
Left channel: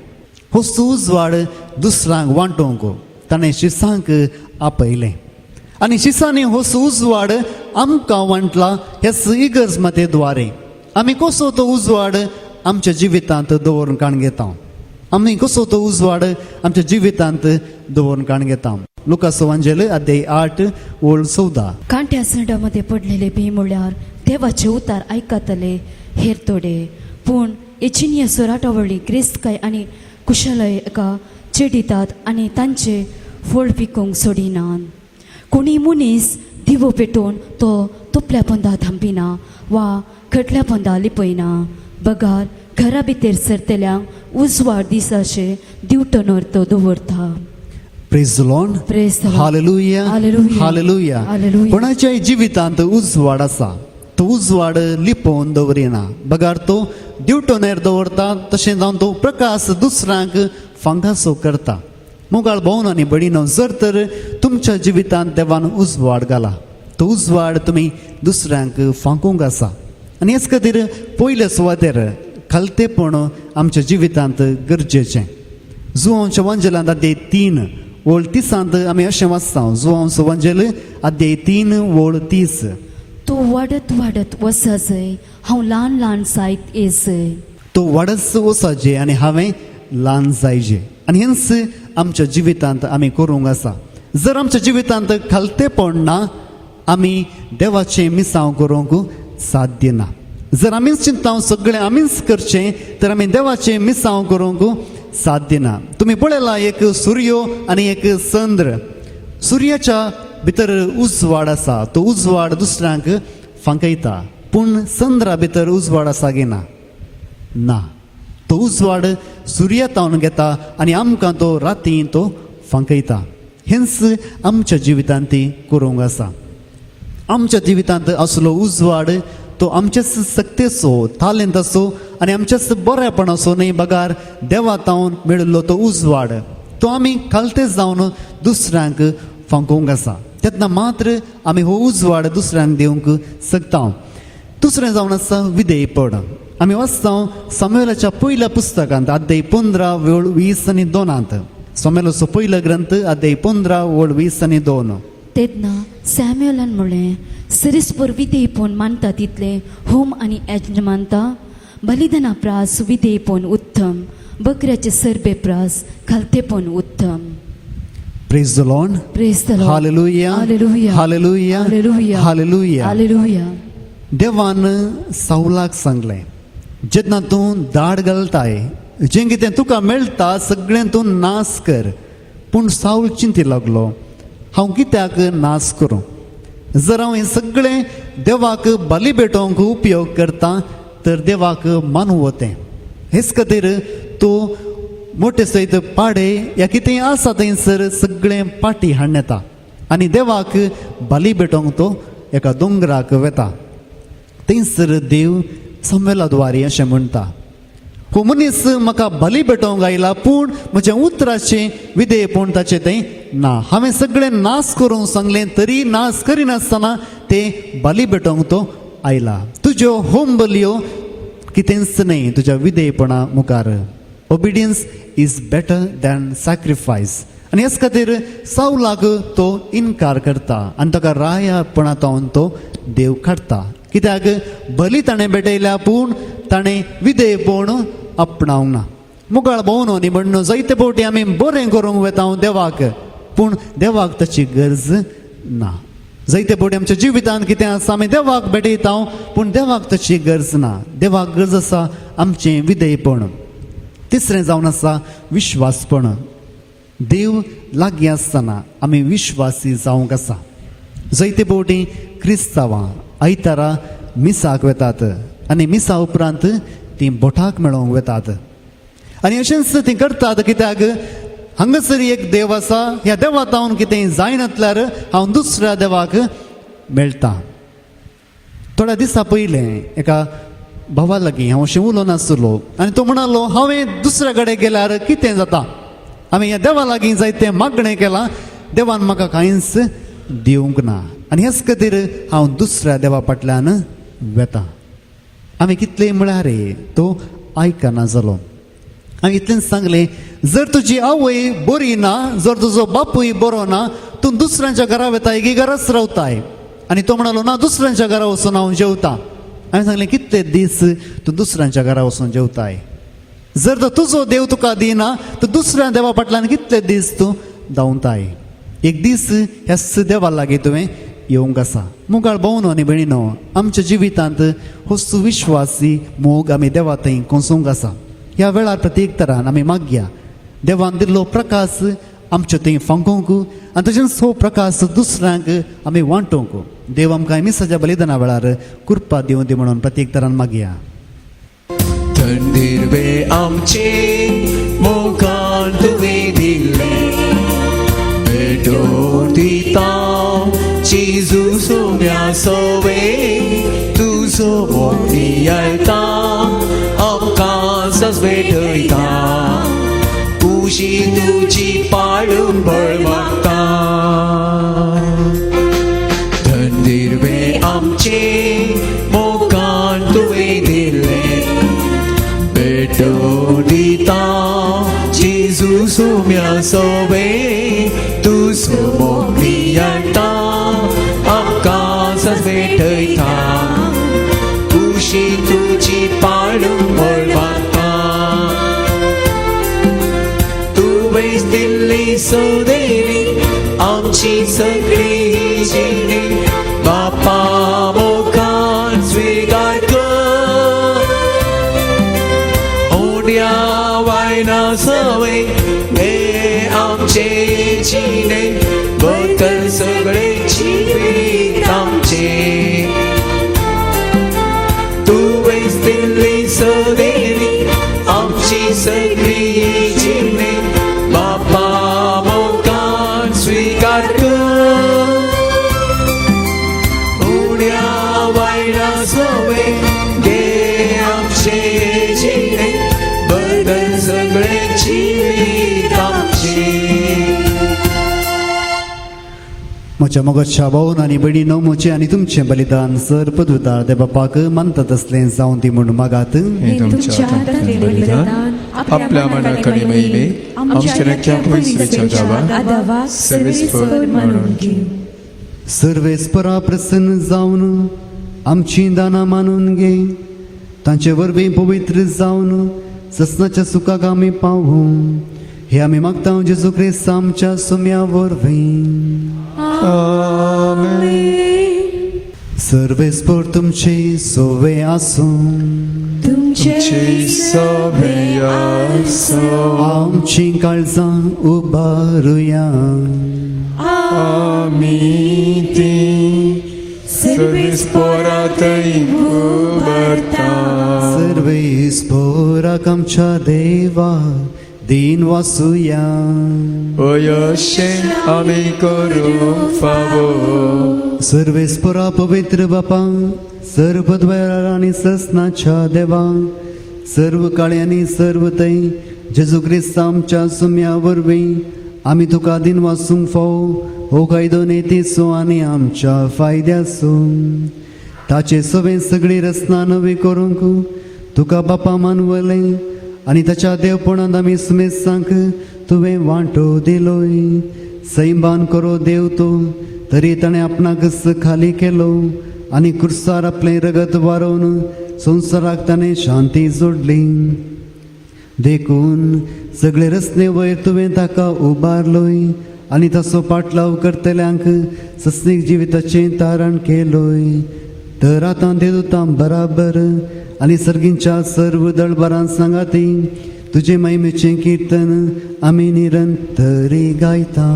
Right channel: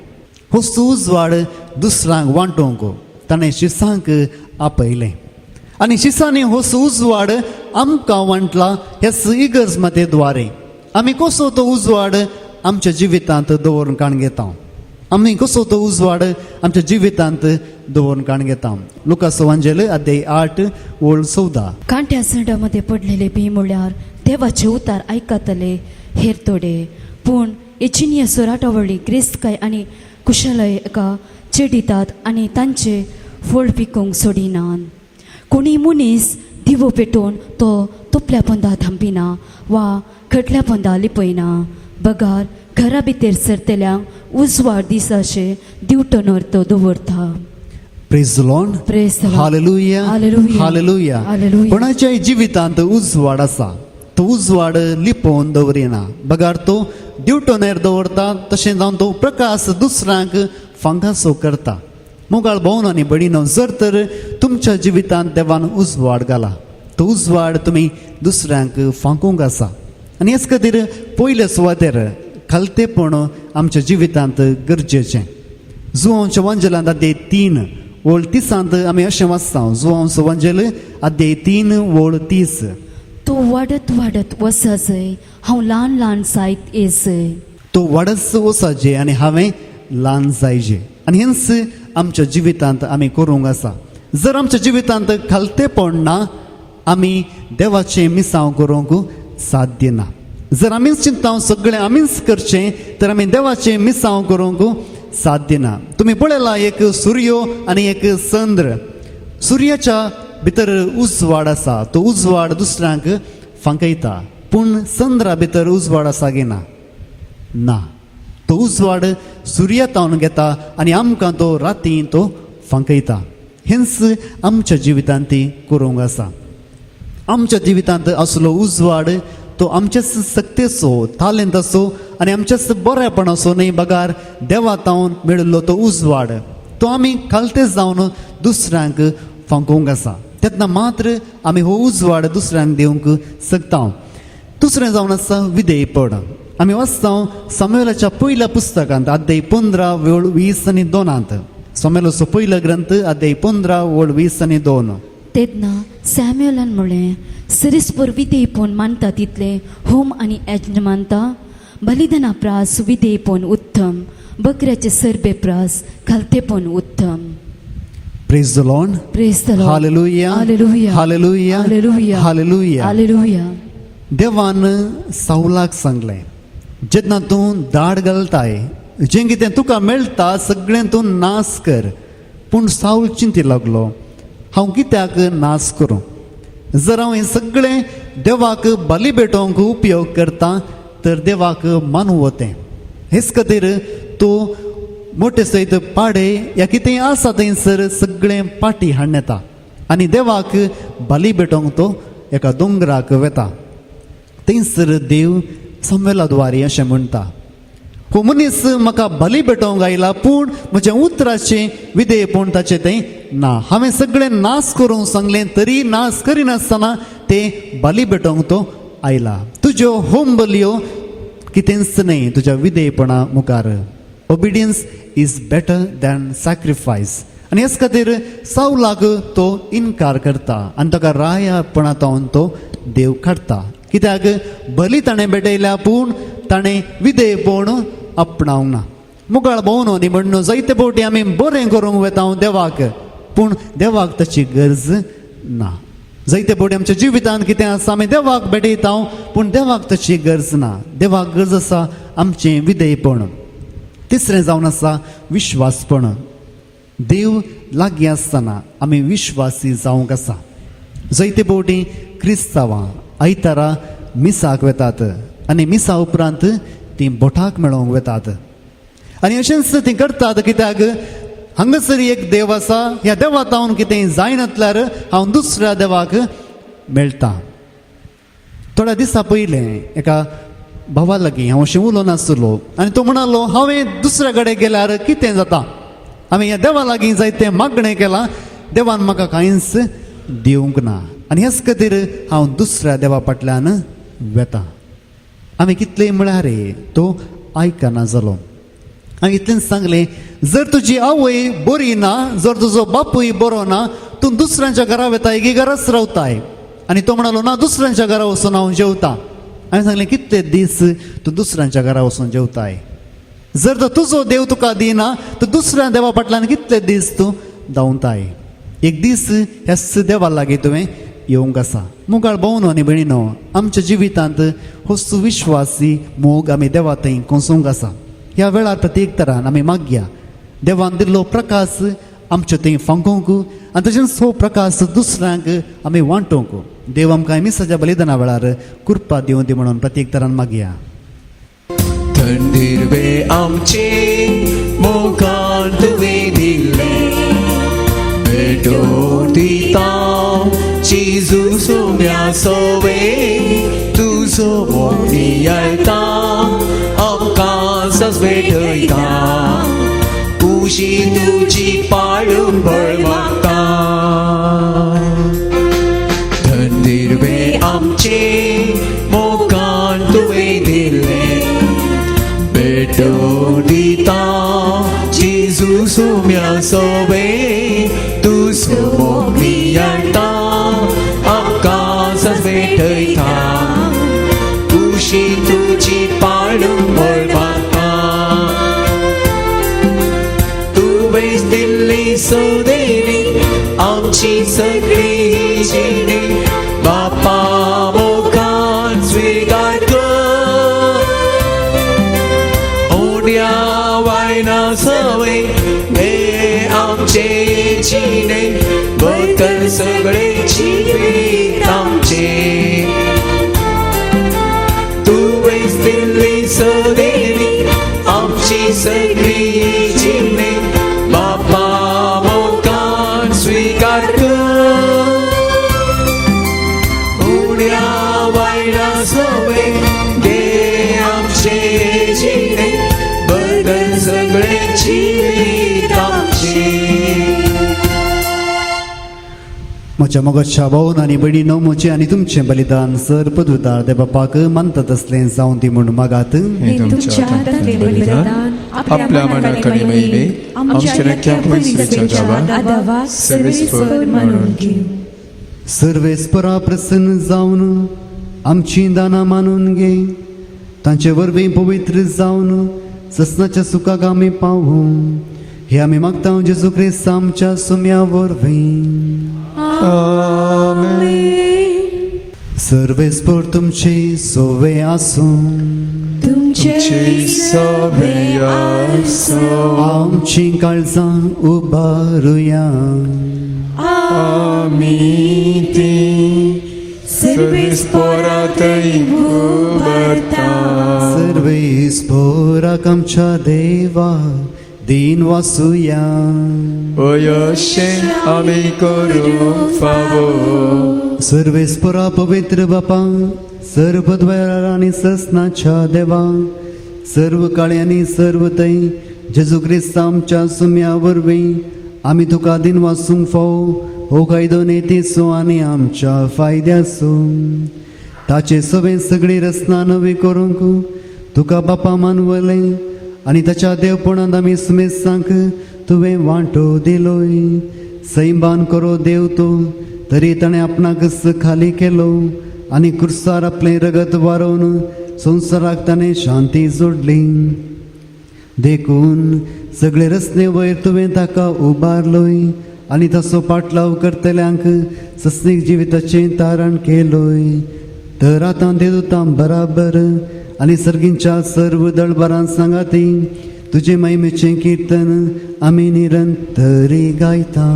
होच उजवाड दुसऱ्यांक वांटोवंक ताणें शिसांक आपयलें आनी शिसांनी होच उजवाड आमकां वांटला हे इगर्ज मध्ये द्वारे आमी कसो तो उजवाड आमच्या जिवितांत दवरून काण घेता आमी कसो तो उजवाड आमच्या जिवितांत दवरून काण घेता लुकास वांजेल अध्याय 8 ओळ 14 कांट्या सडामध्ये पडलेले बी म्हळ्यार देवाचे उतार आयकतले हेर थोडे पूण इचिनीय सोराटावळी ग्रेस्तकाय आनी कुशलय एका चेडितात आनी तांचे फळ पिकूंक सोडिनात कोणी मनीस दिवो पेटोवन तो तोपल्या पंदा थांबिना वा खटल्या पंदा लिपयना बगार घरा भितर सरतल्यांक उजवाड दिसाचे दिवटोनर तो दवरता praise the Lord Praise the Lord. Hallelujah Hallelujah. Hallelujah Hallelujah. कोणाच्या जिवितांत उजवाड आसा तो उजवाड लिपोवन दवरिना बगार तो दिवटोनेर दवरता तशें जावन तो प्रकाश दुसऱ्यांक फांकासो करता मोगाळ भोवनांनी बडीनो जर तर तुमच्या जिवितांत देवान उजवाड घाला तो उजवाड तुमी दुसऱ्यांक फांकूंक आसा आनी हेच खातीर पयले सुवातेर खालतेपण आमच्या जिवितांत गरजेचें जुवांच्या वंजलांत अध्याय 3 ओळ 30 आमी अशें वाचता जुवांचो वंजल अध्याय 3 ओळ 30 तो वाडत वाडत वसा जंय हांव ल्हान ल्हान जायत येसय तो वाडस वसाचे आनी हांवें ल्हान जायचे आनी हेंच आमच्या जिवितांत आमी करूंक आसा जर आमच्या जिवितांत खालतेपण ना आमी देवाचें मिसांव करूंक साध्य ना जर आमीच चिंता सगळें आमीच करचें तर आमी देवाचें मिसांव करूंक साध्य ना तुमी पळयला एक सूर्य आनी एक चंद्र सूर्याच्या भितर उजवाड आसा तो उजवाड दुसऱ्यांक फांकयता पूण चंद्रा भितर उजवाड आसा गे ना तो उजवाड सुर्यातावन घेता आनी आमकां तो राती तो फांकयता हेंच आमच्या जिवितांत करूंक आसा आमच्या जिवितांत असलो उजवाड तो आमच्याच सक्तीचो तालेंताचो आनी आमच्याच बरेपणाचो न्ही बगार देवातावन मेळिल्लो तो उजवाड तो आमी खालते जावन दुसऱ्यांक फांकोवंक आसा तेन्ना मात्र आमी हो उजवाड दुसऱ्यांक दिवंक शकता दुसरें जावन आसा विधेयपण आमी वाचता सामुएलाच्या पयल्या पुस्तकांत अध्याय 15 ओळ 20 आनी 2 सामुएलाचो पयलो ग्रंथ अध्याय 15 ओळ 20 आनी 2 तेन्ना सॅम्युएलान म्हळें सरीसपर विधेयपण मानता तितले होम आनी यज्ञ मानता बलिदाना प्रास विधेयपण उत्तम बकऱ्याचे सरपे प्रास घालतेपण उत्तम Praise the Lord. Praise the Lord. Hallelujah. Hallelujah. Hallelujah. Hallelujah. Hallelujah. Hallelujah. देवान साऊलाक सांगले जेन्ना तूं दाड घालताय जें कितें तुका मेळटा सगळें तूं नाश कर पूण साऊल चिंती लागलो हांव कित्याक नाश करूं जर हांव हें सगळें देवाक बली भेटोवंक उपयोग करता तर देवाक मानू वतें हेच खातीर तूं मोठे सैत पाडे या कितें आसा थंयसर सगळे पाटी हाडून येता आनी देवाक बली पेटोवंक तो एका दोंगराक वेता. थंयसर देव संवेलाद्वारी अशें म्हणटा, हो मनीस म्हाका बली पेटोवंक आयला पूण म्हज्या उतराचे विधेयपण ताचे तें ना. हांवें सगळें नाश करूंक सांगलें तरी नाश करिनासतना ते बली पेटोवंक तो आयला. तुज्यो होम बलयो कितेंच न्हय तुज्या विधेयपणा मुखार. Obedience is better than sacrifice. आनी ह्याच खातीर सावलाक तो इन्कार करता आनी ताका रायापणांतल्यान तो देव काडटा. कित्याक बली ताणें भेटयल्या पूण ताणें विधेयपण आपणावंक ना. मुखार भोंवन न्ही म्हणून जायते फावटी आमी बरें करूंक वेता देवाक पूण देवाक ताची गरज ना. जायते फावटी आमच्या जिवितांत कितें आसा आमी देवाक भेटयता पूण देवाक ताची गरज ना. देवाक गरज आसा आमचें विधेयपण. तिसरें जावन आसा विश्वासपण. देव लागीं आसतना आमी विश्वासी जावंक आसा. जायते फावटी क्रिस्तांवां आयतारा मिसाक वेतात आनी मिसा उपरांत ती बोटाक मेळोवंक वेतात आनी अशेंच ती करतात. कित्याक हांगासर एक देव आसा, ह्या देवाक हांव कितें जायनातल्यार हांव दुसऱ्या देवाक मेळटा. थोड्या दिसा पयलें एका भावा लागीं हांव अशें उलोवन नासलो आनी तो म्हणालो हांवें दुसऱ्या कडेन गेल्यार कितें जाता. हांवें ह्या देवा लागीं जायतें मागणें केलां, देवान म्हाका कांयच दिवंक ना आनी ह्याच खातीर हांव दुसऱ्या देवा फाटल्यान वेता. हांवें कितलें म्हळ्यार तो आयकना जालो. हांवें इतलेंच सांगलें, जर तुजी आवय बरी ना, जर तुजो बापूय बरो ना, तूं दुसऱ्यांच्या घरा वेताय की घराच रावताय. आनी तो म्हणालो ना, दुसऱ्यांच्या घरा वचून हांव जेवता. हांवें सांगलें कितले दीस तूं दुसऱ्यांच्या घरा वचून जेवताय. जर तर तुजो देव तुका दिना तर दुसऱ्या देवा फाटल्यान कितले दीस तूं धांवताय. एक दीस ह्याच देवा लागीं तुवें येवंक आसा. मुखार भोंवनो आनी भयणीनो, आमच्या जिवितांत हो सुविश्वासी मोग आमी देवा थंय कोसूंक आसा. ह्या वेळार प्रत्येक तरान आमी मागया देवान दिल्लो प्रकाश आमचे थंय फांकोवंक आनी तशेंच हो प्रकाश दुसऱ्यांक आमी वांटोवंक. देव आमकां मिसाच्या बलिदाना वेळार कृपा दिवं दी म्हणून प्रत्येक तरान मागया. धन्दिरवे आमचे मोगान तुवें दिल्ले भेटोवन दिता जेजू सोम्या सोवे तुजो नियता आमकां सजवेटयता उशी तुजी पाळून बळमाता. धन्दिरवे आमचे मोगान तुवें दिल्ले भेटोवन दिता जेजू सोम्या सोवे तुजो नियता आमकां सजवेटयता उशी तुजी पाळून बळमाता. तुवें दिल्ली सोदेरी आमची सगळी जिणी बापा मोगान स्वीकार कर. ओड्या वायना सवय मे आमचे जिणे बदल सगळे जिवीत आमचे. तुवें दिल्ली सोदेरी आमची सगळी जिणे बापा मोगान स्वीकार कर. ओड्या वायना सवय मे आमचे जिणे बदल सगळे जिवीत आमचे. म्हज्या मोगाच्या भावन आनी भयणीनो, म्हजें आनी तुमचें बलिदान सर पदवीदार देव बापाक मानता तसलें जावं दी म्हणून मागात. हे तुमच्या हातांतले बलिदान आपल्या मनाकडे मेळिल्ले आमच्या नक्क्या पयसुलेच्या देवाक सर्वेस्वर म्हणून घे. सर्वेस्परा प्रसन्न जावन आमची दाना मानून घे. तांचे वरवीं पवित्र जावन ससनाच्या सुखाक आमी पावू. हे आमी मागता जेजू क्रिस्त आमच्या सुम्या वरवीं. सर्वेस्पर तुमचे सोवे आसूं. तुमचे सोबे आसूं. आमची काळजां उबारुया. आमी ती सर्वेस्परांतय उबारता. सर्वेस्पराक आमच्या देवा दिन वाचूया. अयशें आमी करूं फावो. सर्वेस्पुरा पवित्र बापा, सर्व द्वार आणि ससनाच्या देवा, सर्व काळी आणि सर्व तै जेजू ख्रिस्त आमच्या सुम्या वरवीं आमी तुका दिन वाचूंक फावो हो कायदो नेतेचो आनी आमच्या फायद्याचो. ताचे सवे सगळी रचना नवी करूंक तुका बापा मानवले आनी ताच्या देवपणांत आमी सुमेसांक तुवें वांटो दिलोय. सैमान करो देव तो, तरी ताणें आपणाक खाली केलो आनी क्रुसार आपले रगत वारोवन संवसाराक ताणें शांती जोडली. देखून सगळे रस्ते वयर तुवें ताका उबारलोय आनी ताचो पाटलाव करतल्यांक सस्तीक जिविताचें तारण केलोय. तर आतां देवतां बराबर आनी सर्गींच्या सर्व दळबरां सांगाती तुजे महिमेचें कीर्तन आमी निरंतरी गायता.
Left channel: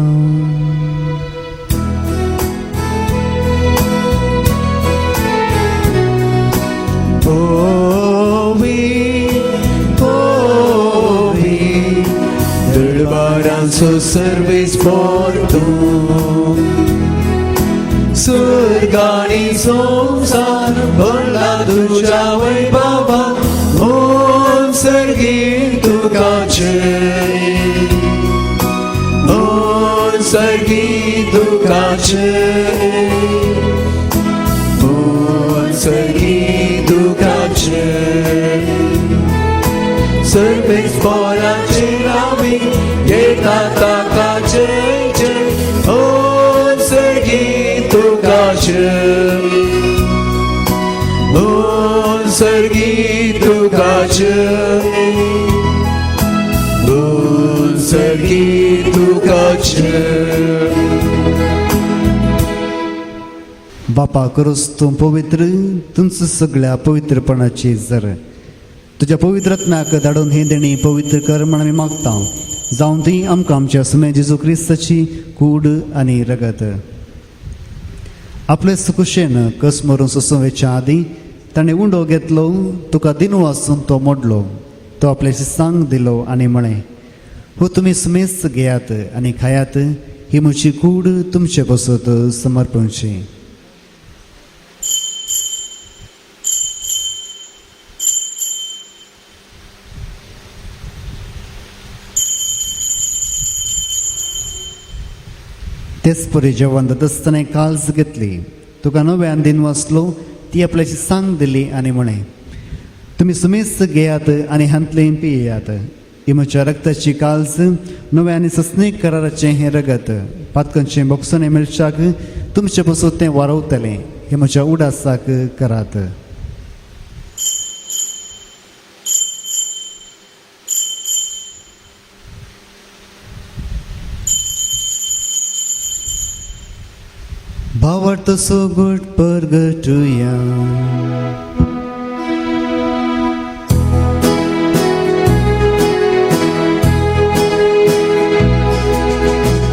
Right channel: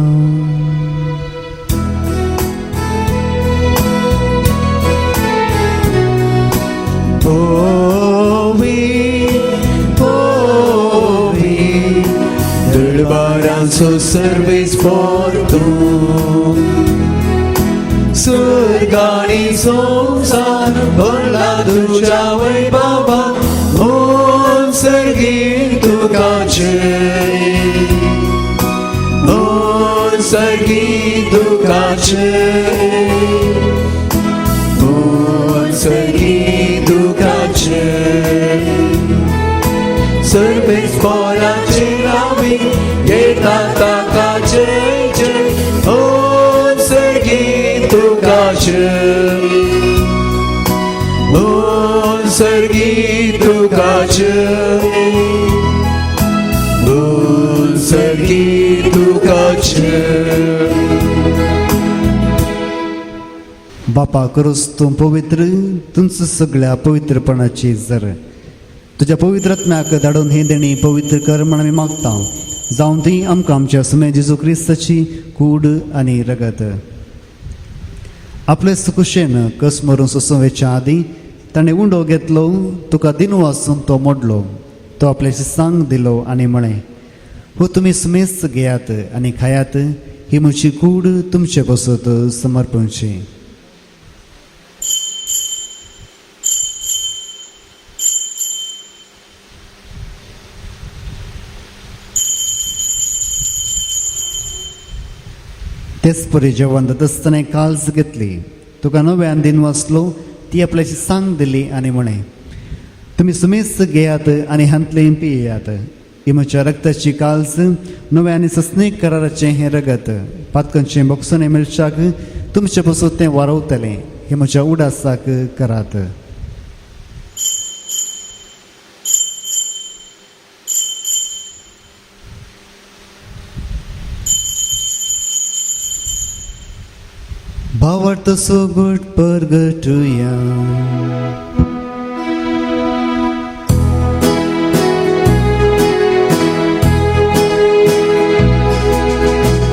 दळबारांचो सर्वेस पोरतो, स्वर्गानी संसार भरला तुझ्या वैभवा. ओम सर्गी तुकाचे, ओम सर्गी तुकाचे, ओम सर्गी तुकाचे. सर्वेस पोराचे रावी घेता ताकाचे जय. ओम सर्गी तुकाचे, ओम सर्गी तुकाचे, ओम सर्गी तुकाचे. बापा करोस तूं पवित्र, तुमचं सगळ्या पवित्रपणाची जर तुझ्या पवित्रत्म्याक धाडून हे देणी पवित्र कर म्हणून आमी मागता. जावं ती आमकां आमच्या सुम्या जेजू क्रिस्ताची कूड आनी रगत. आपले सुकुशेन कस मरून सोसोवेच्या आदी ताणें उंडो घेतलो, तुका दिनू वाचून तो मोडलो. तो आपल्या शिसांक दिलो आनी म्हणे, हो तुमी सुमेस घेयात आनी खायात, ही म्हजी कूड तुमचे कसोत समर्पणची. तेच परी जेवण दसतना काल्स घेतली, तुका नव्यान दिन वाचलो, ती आपल्याची सांग दिली आनी म्हणे, तुम्ही सुमेस घेयात आनी हांतलें पियेयात. ही म्हज्या रक्ताची काल्स नव्या आनी सस्नेक कराराचें हें रगत पातकांचें बोगसोने मेळच्याक तुमचे पासून तें वारवतलें. हे म्हज्या उडासाक करात. भावार्थ सोगुट परगटुया.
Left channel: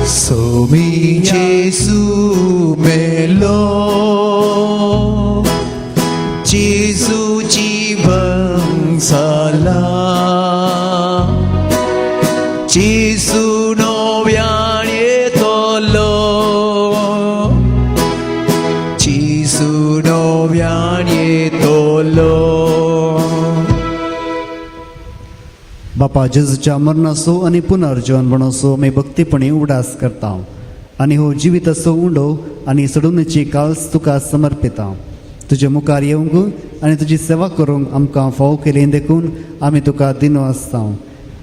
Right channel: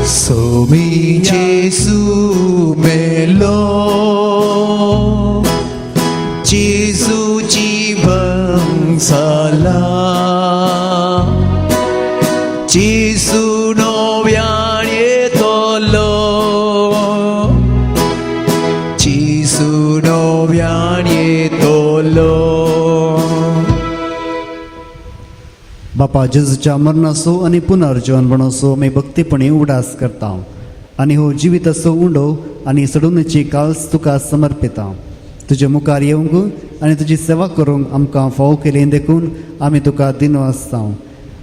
सोमी जेसू मेलो, जेसू जीवन जाला, जेसू नव्यान येतलो, जेसू नव्यान येतलो. बापा जेजूच्या मरणाचो आनी पुनर्जीवनपणाचो मी भक्तीपणी उडास करता आनी हो जिविताचो उंडो आनी सडवणेची काल्स तुका समर्पिता. तुजे मुखार येवंक आनी तुजी सेवा करूंक आमकां फाव केली देखून आमी तुका दिनो आसता.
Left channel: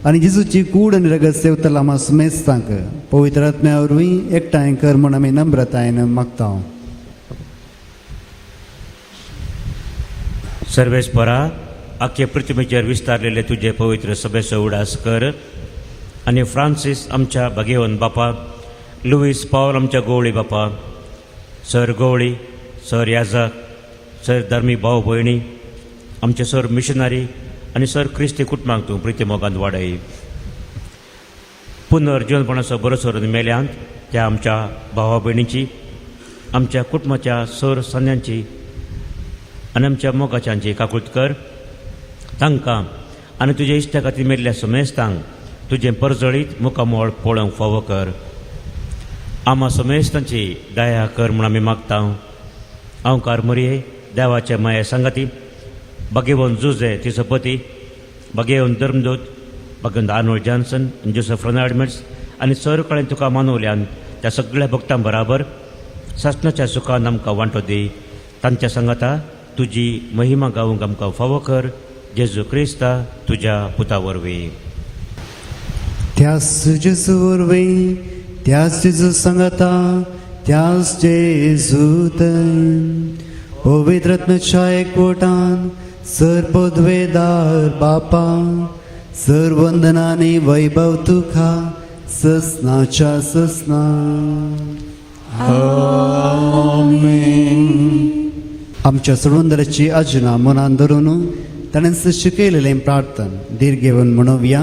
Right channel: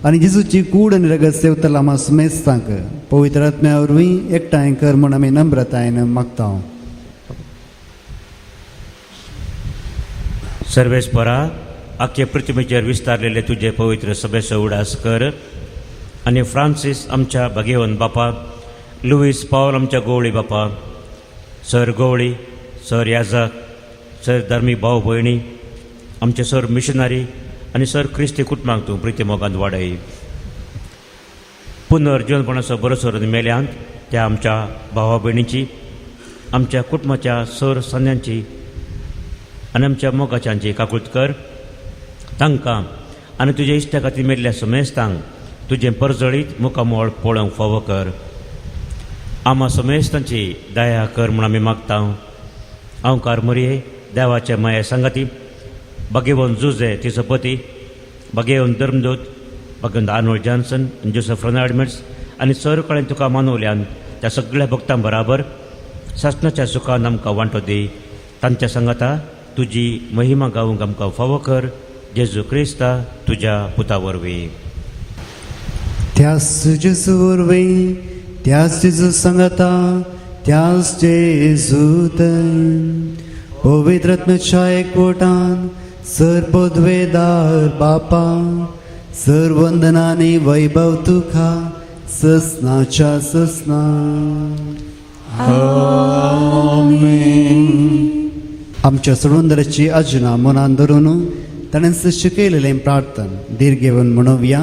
आनी जेजूची कूड आनी रगत सेवतला आमा सुमेस्तांक पवित्र आत्म्या वरवीं एकठांय कर म्हूण आमी नम्रतायेन मागता. सर्वेस्परा आख्खे पृथ्वीचेर विस्तारलेले तुझे पवित्र सभेचो उडास कर आनी फ्रांसीस आमच्या भाग्यवन बापा, लुईस पॉल आमच्या गवळी बापा, सर गवळी, सर याजाक, सर धर्मी भाव भयणी, आमचे सर मिशनरी आनी सर क्रिस्ती कुटुंबाक तूं प्रिती मोगान वाडय. पुनर्जीवनपणाचो भरोसो मेल्यांत त्या आमच्या भावा भयणीची, आमच्या कुटुंबाच्या सर सन्यांची आनी आमच्या मोगाच्यांची काकूट कर. तांकां आनी तुज्या इश्टा खातीर मेल्ल्या सुमेस्तांक तुझे परजळीत मुखामोळ पळोवंक फावो कर. आम्हा समेस्तांची दया कर म्हूण आमी मागता. हांव कारमरये देवाच्या माया सांगाती भगिवन जुजे तिचो पती, भगिवन धर्मदूत, भगवंत आर्नोल्ड जॉन्सन, जोसेफ रेनाल्ड्स आनी सर कडेन तुका मानवल्यान त्या सगळ्या भक्तां बराबर सासणाच्या सुखान आमकां वांटो दी. तांच्या सांगाता तुजी महिमा गावूंक आमकां फावो कर. जेजू क्रिस्ता तुज्या पुता वरवीं. त्याच जेजू वरवीं, त्याच जेजू सांगाता, त्याच जेजूत पवित्र रत्नाच्या एकवटान सर पदवेदार बापा, सर वंदनाने वैभव तुका ससनाच्या ससना. आमच्या सोडवंदराची आजना मनान धरून ताणें सश्य केलेलें प्रार्थन दीर घेवन म्हणोवया.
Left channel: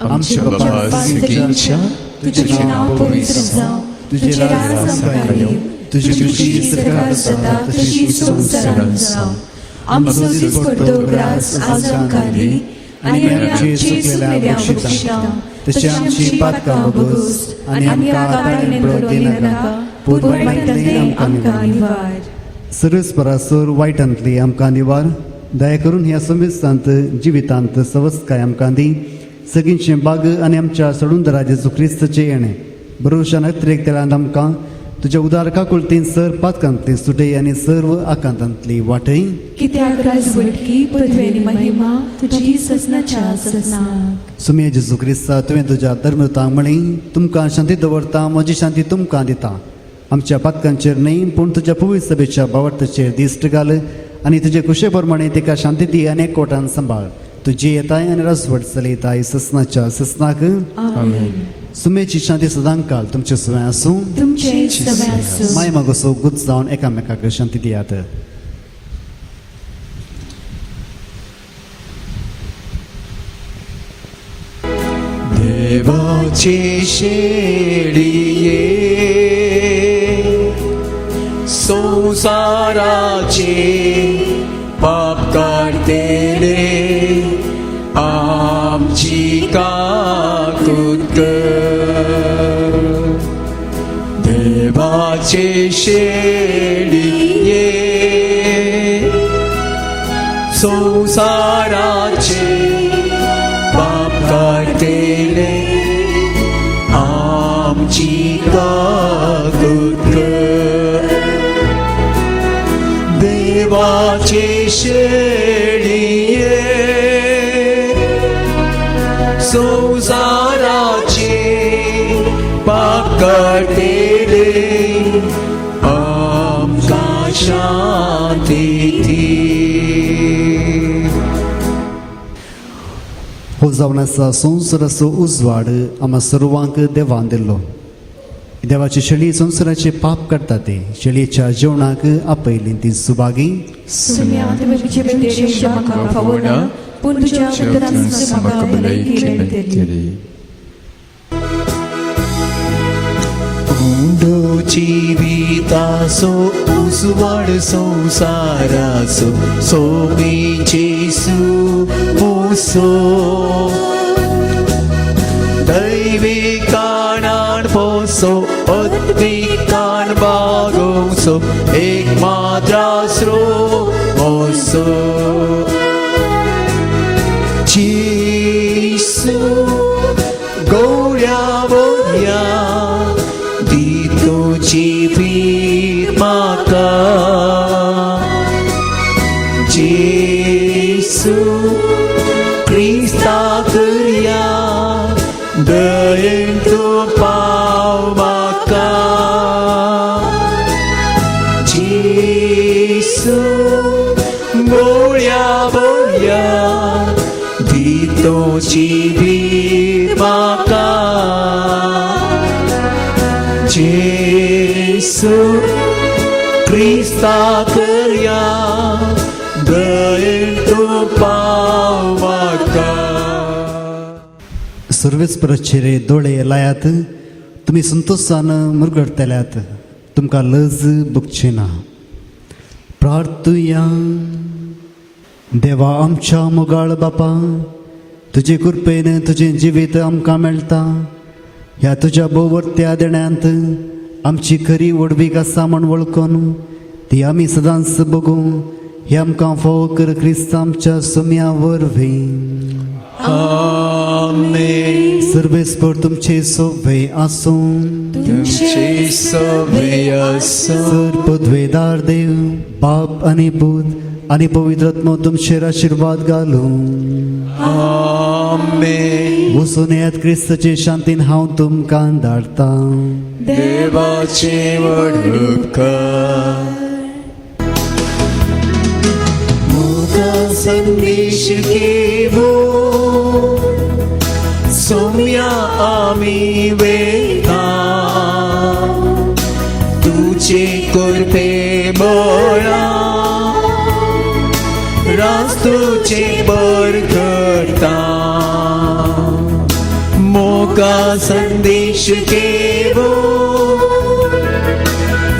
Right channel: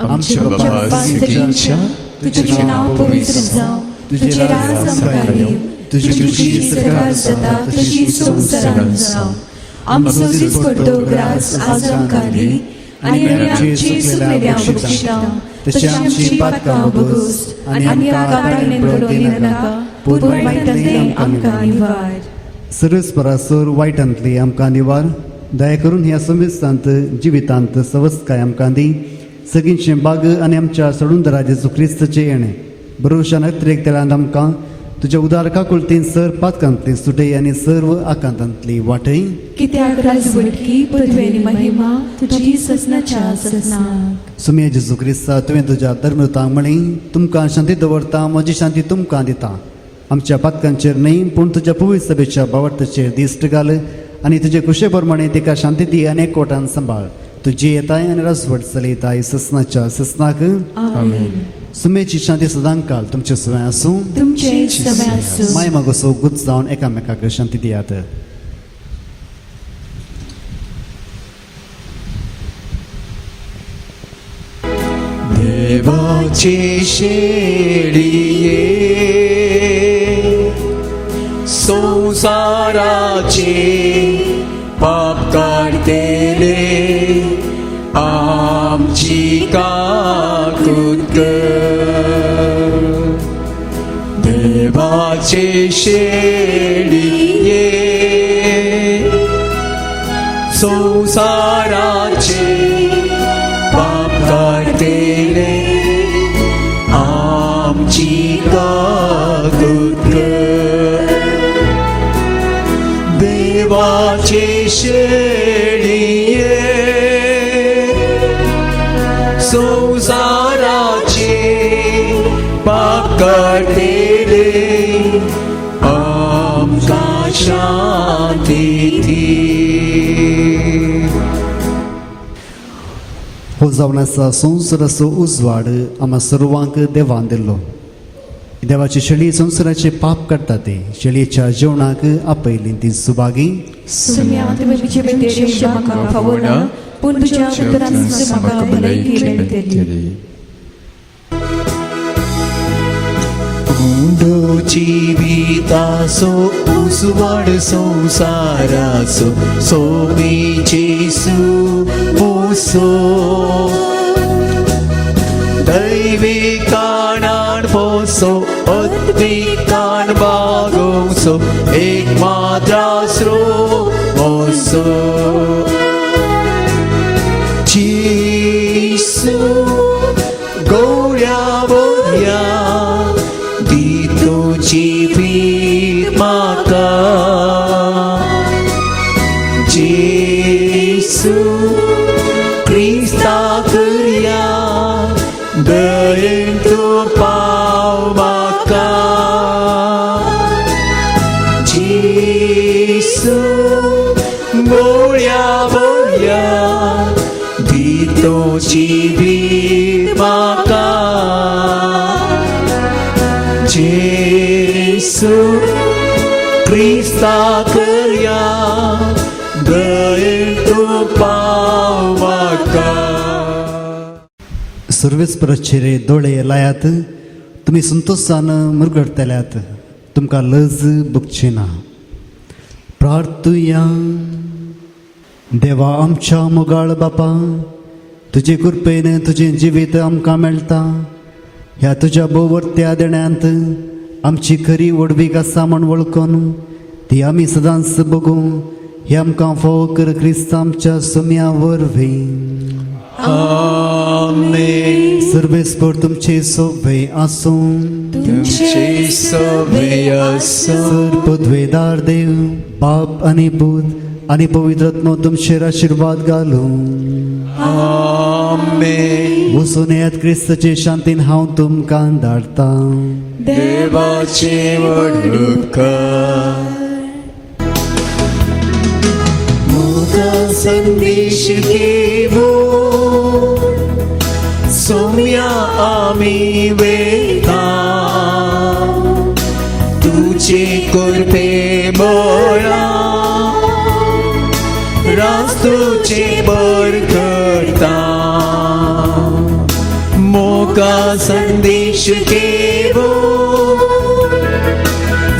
आमच्या बापा सिटींच्या तुझे नाव पवित्र जावं, तुझे राज संभाळयो, तुझी खुशी सरकार जाता तशी संवसारांत जावं. आमचो दिसपट्टो ग्रास आज आमकां दी, आनी आमची चुकलेल्या बक्षिसां तशी आमची पातकां वगोस, आनी आमकां कांय पडूं नाका, पूण वायटांतली आमकां निवार. सरस्परासूर वायटांतली आमकां निवार. दया करून ह्या समेस्तांत जिवितांत सवस्काय आमकां दी. सगळींचे बाग आनी आमच्या सोडून जेजू क्रिस्ताचे येणे भरोशान अतिरेकतेलांत आमकां तुज्या उदार काकुळतेन सर पातकांतली सुटय आनी सर्व आकांतांतली वाटय. कित्याक राजवटकी पदवेनी महिमा तुझी ससनाच्या ससना. सुमे जेजू क्रिस्ता तुवें तुज्या धर्मदूतांक म्हळी तुमकां शांती दवरता, म्हजी शांती तुमकां दिता. आमच्या पातकांचेर न्हय पूण तुज्या पवित्र सभेच्या बावटाचेर दिश्ट घाल आनी तुजे कुशे प्रमाणे तिका शांती दी आनी एकवटान सांबाळ. तुजी येताय आनी रसवट चलयताय ससनाच्या ससनाक. सुमेची शांती सदां काळ तुमचे सुवें आसूं. तुमचे समय आसूं. माय मागोसो गुज जावन एकामेकाक शांती दियात. देवाची शेळिये संसाराचे पाप काढतेले आमची काकूत कर. देवाचे शेळिये संसाराचे पाप काढतेले आमची काकूत कर. देवाचे शेळिये संसाराचे पाप काढतेले आमकां शांती दी. हो जावन आसा संवसाराचो उजवाड आम्हा सर्वांक देवान दिल्लो. देवाची शेळी संवसाराचे पाप काडटा ती शेळयेच्या जेवणाक आपयली ती सुभागी. सुम्या तुवें तुजे बेटीचे म्हाका फावो ना, पूण तुज्या उदरान म्हाका भलायकी मेळटली. गुंडो जिविताचो उजवाड संसाराचो सोबी जेसू पोसो. दैविकानान पोसो अद्विकान बागोसो एक माद्रासरो पोसो. जेसू गौड्या बोल्या दी तुझी वीर माका. जेसू क्रिस्ता करया दयेन तूं पाव म्हाका. जेसू बोल्या बोल्या दी तुझी वीर म्हाका. जेसू क्रिस्ता करया दयेन तूं पाव म्हाका. सर्वेस्पराचेर दोळे लायात, तुमी संतोषान मुरगडतल्यात, तुमकां लज भुगची ना. प्रार्थुया. देवा आमच्या मोगाळ बापा, तुजे कृपेन तुझे जिवीत आमकां मेळटा. ह्या तुज्या बोवरत्या देण्यांत आमची खरी वडवीक आसा म्हण वळखून ती आमी सदांच बगूं हे आमकां फोव कर क्रिस्त आमच्या सुम्या वरवीं. आमेन. सर्वेस्पर तुमचे सोबे आसूं. तुमचे सोबे आसूं. सर्वद्वेदार देव बाप आणि पूत आणि पवित्र आत्मा तुमचेर आशीर्वाद घालूं. आमेन. वचून येत क्रिस्ताचे शांतीन हांव तुमकां धाडटा. देवाची वडणूक मोगा संदेश घेवो सोम्या आमी वेता तुझे कृपे बोळा रास्तुची बर करता. मोगा संदेश घेवो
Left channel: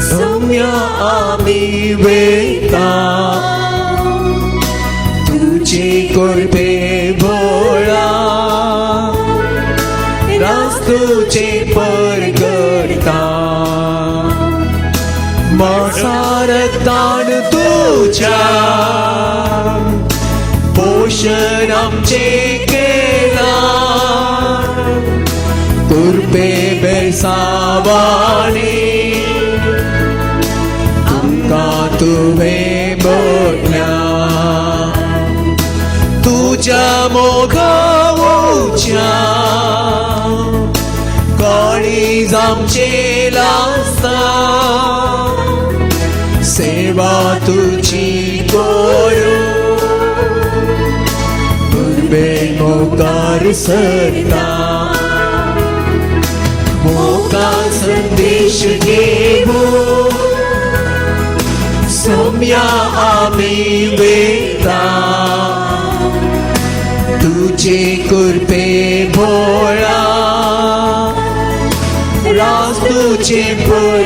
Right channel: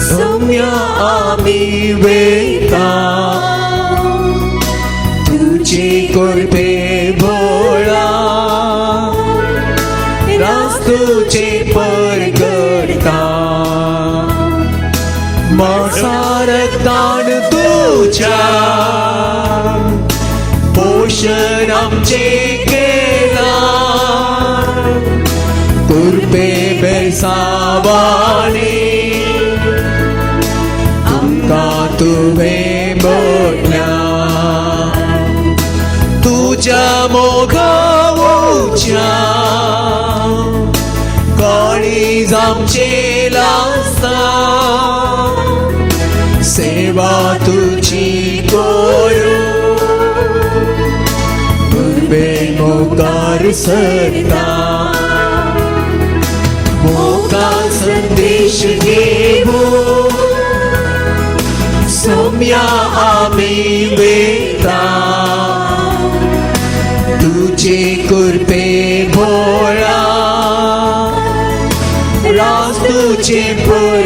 सोम्या आमी वेता तुझे कृपे बोळा रास्तुची बर करता. मसारतान तुझ्या पोषण आमचे केला कृपे बेसावाणी आमकां तुवें बोडल्या. तुझ्या मोगावच्या कोणी आमची लासा सेवा तुझी करू पूर्वे मोकार सरता. मोगा संदेश घेवो सोम्या आमी वेता तुझे कृपे भोळा रास्तुचे पर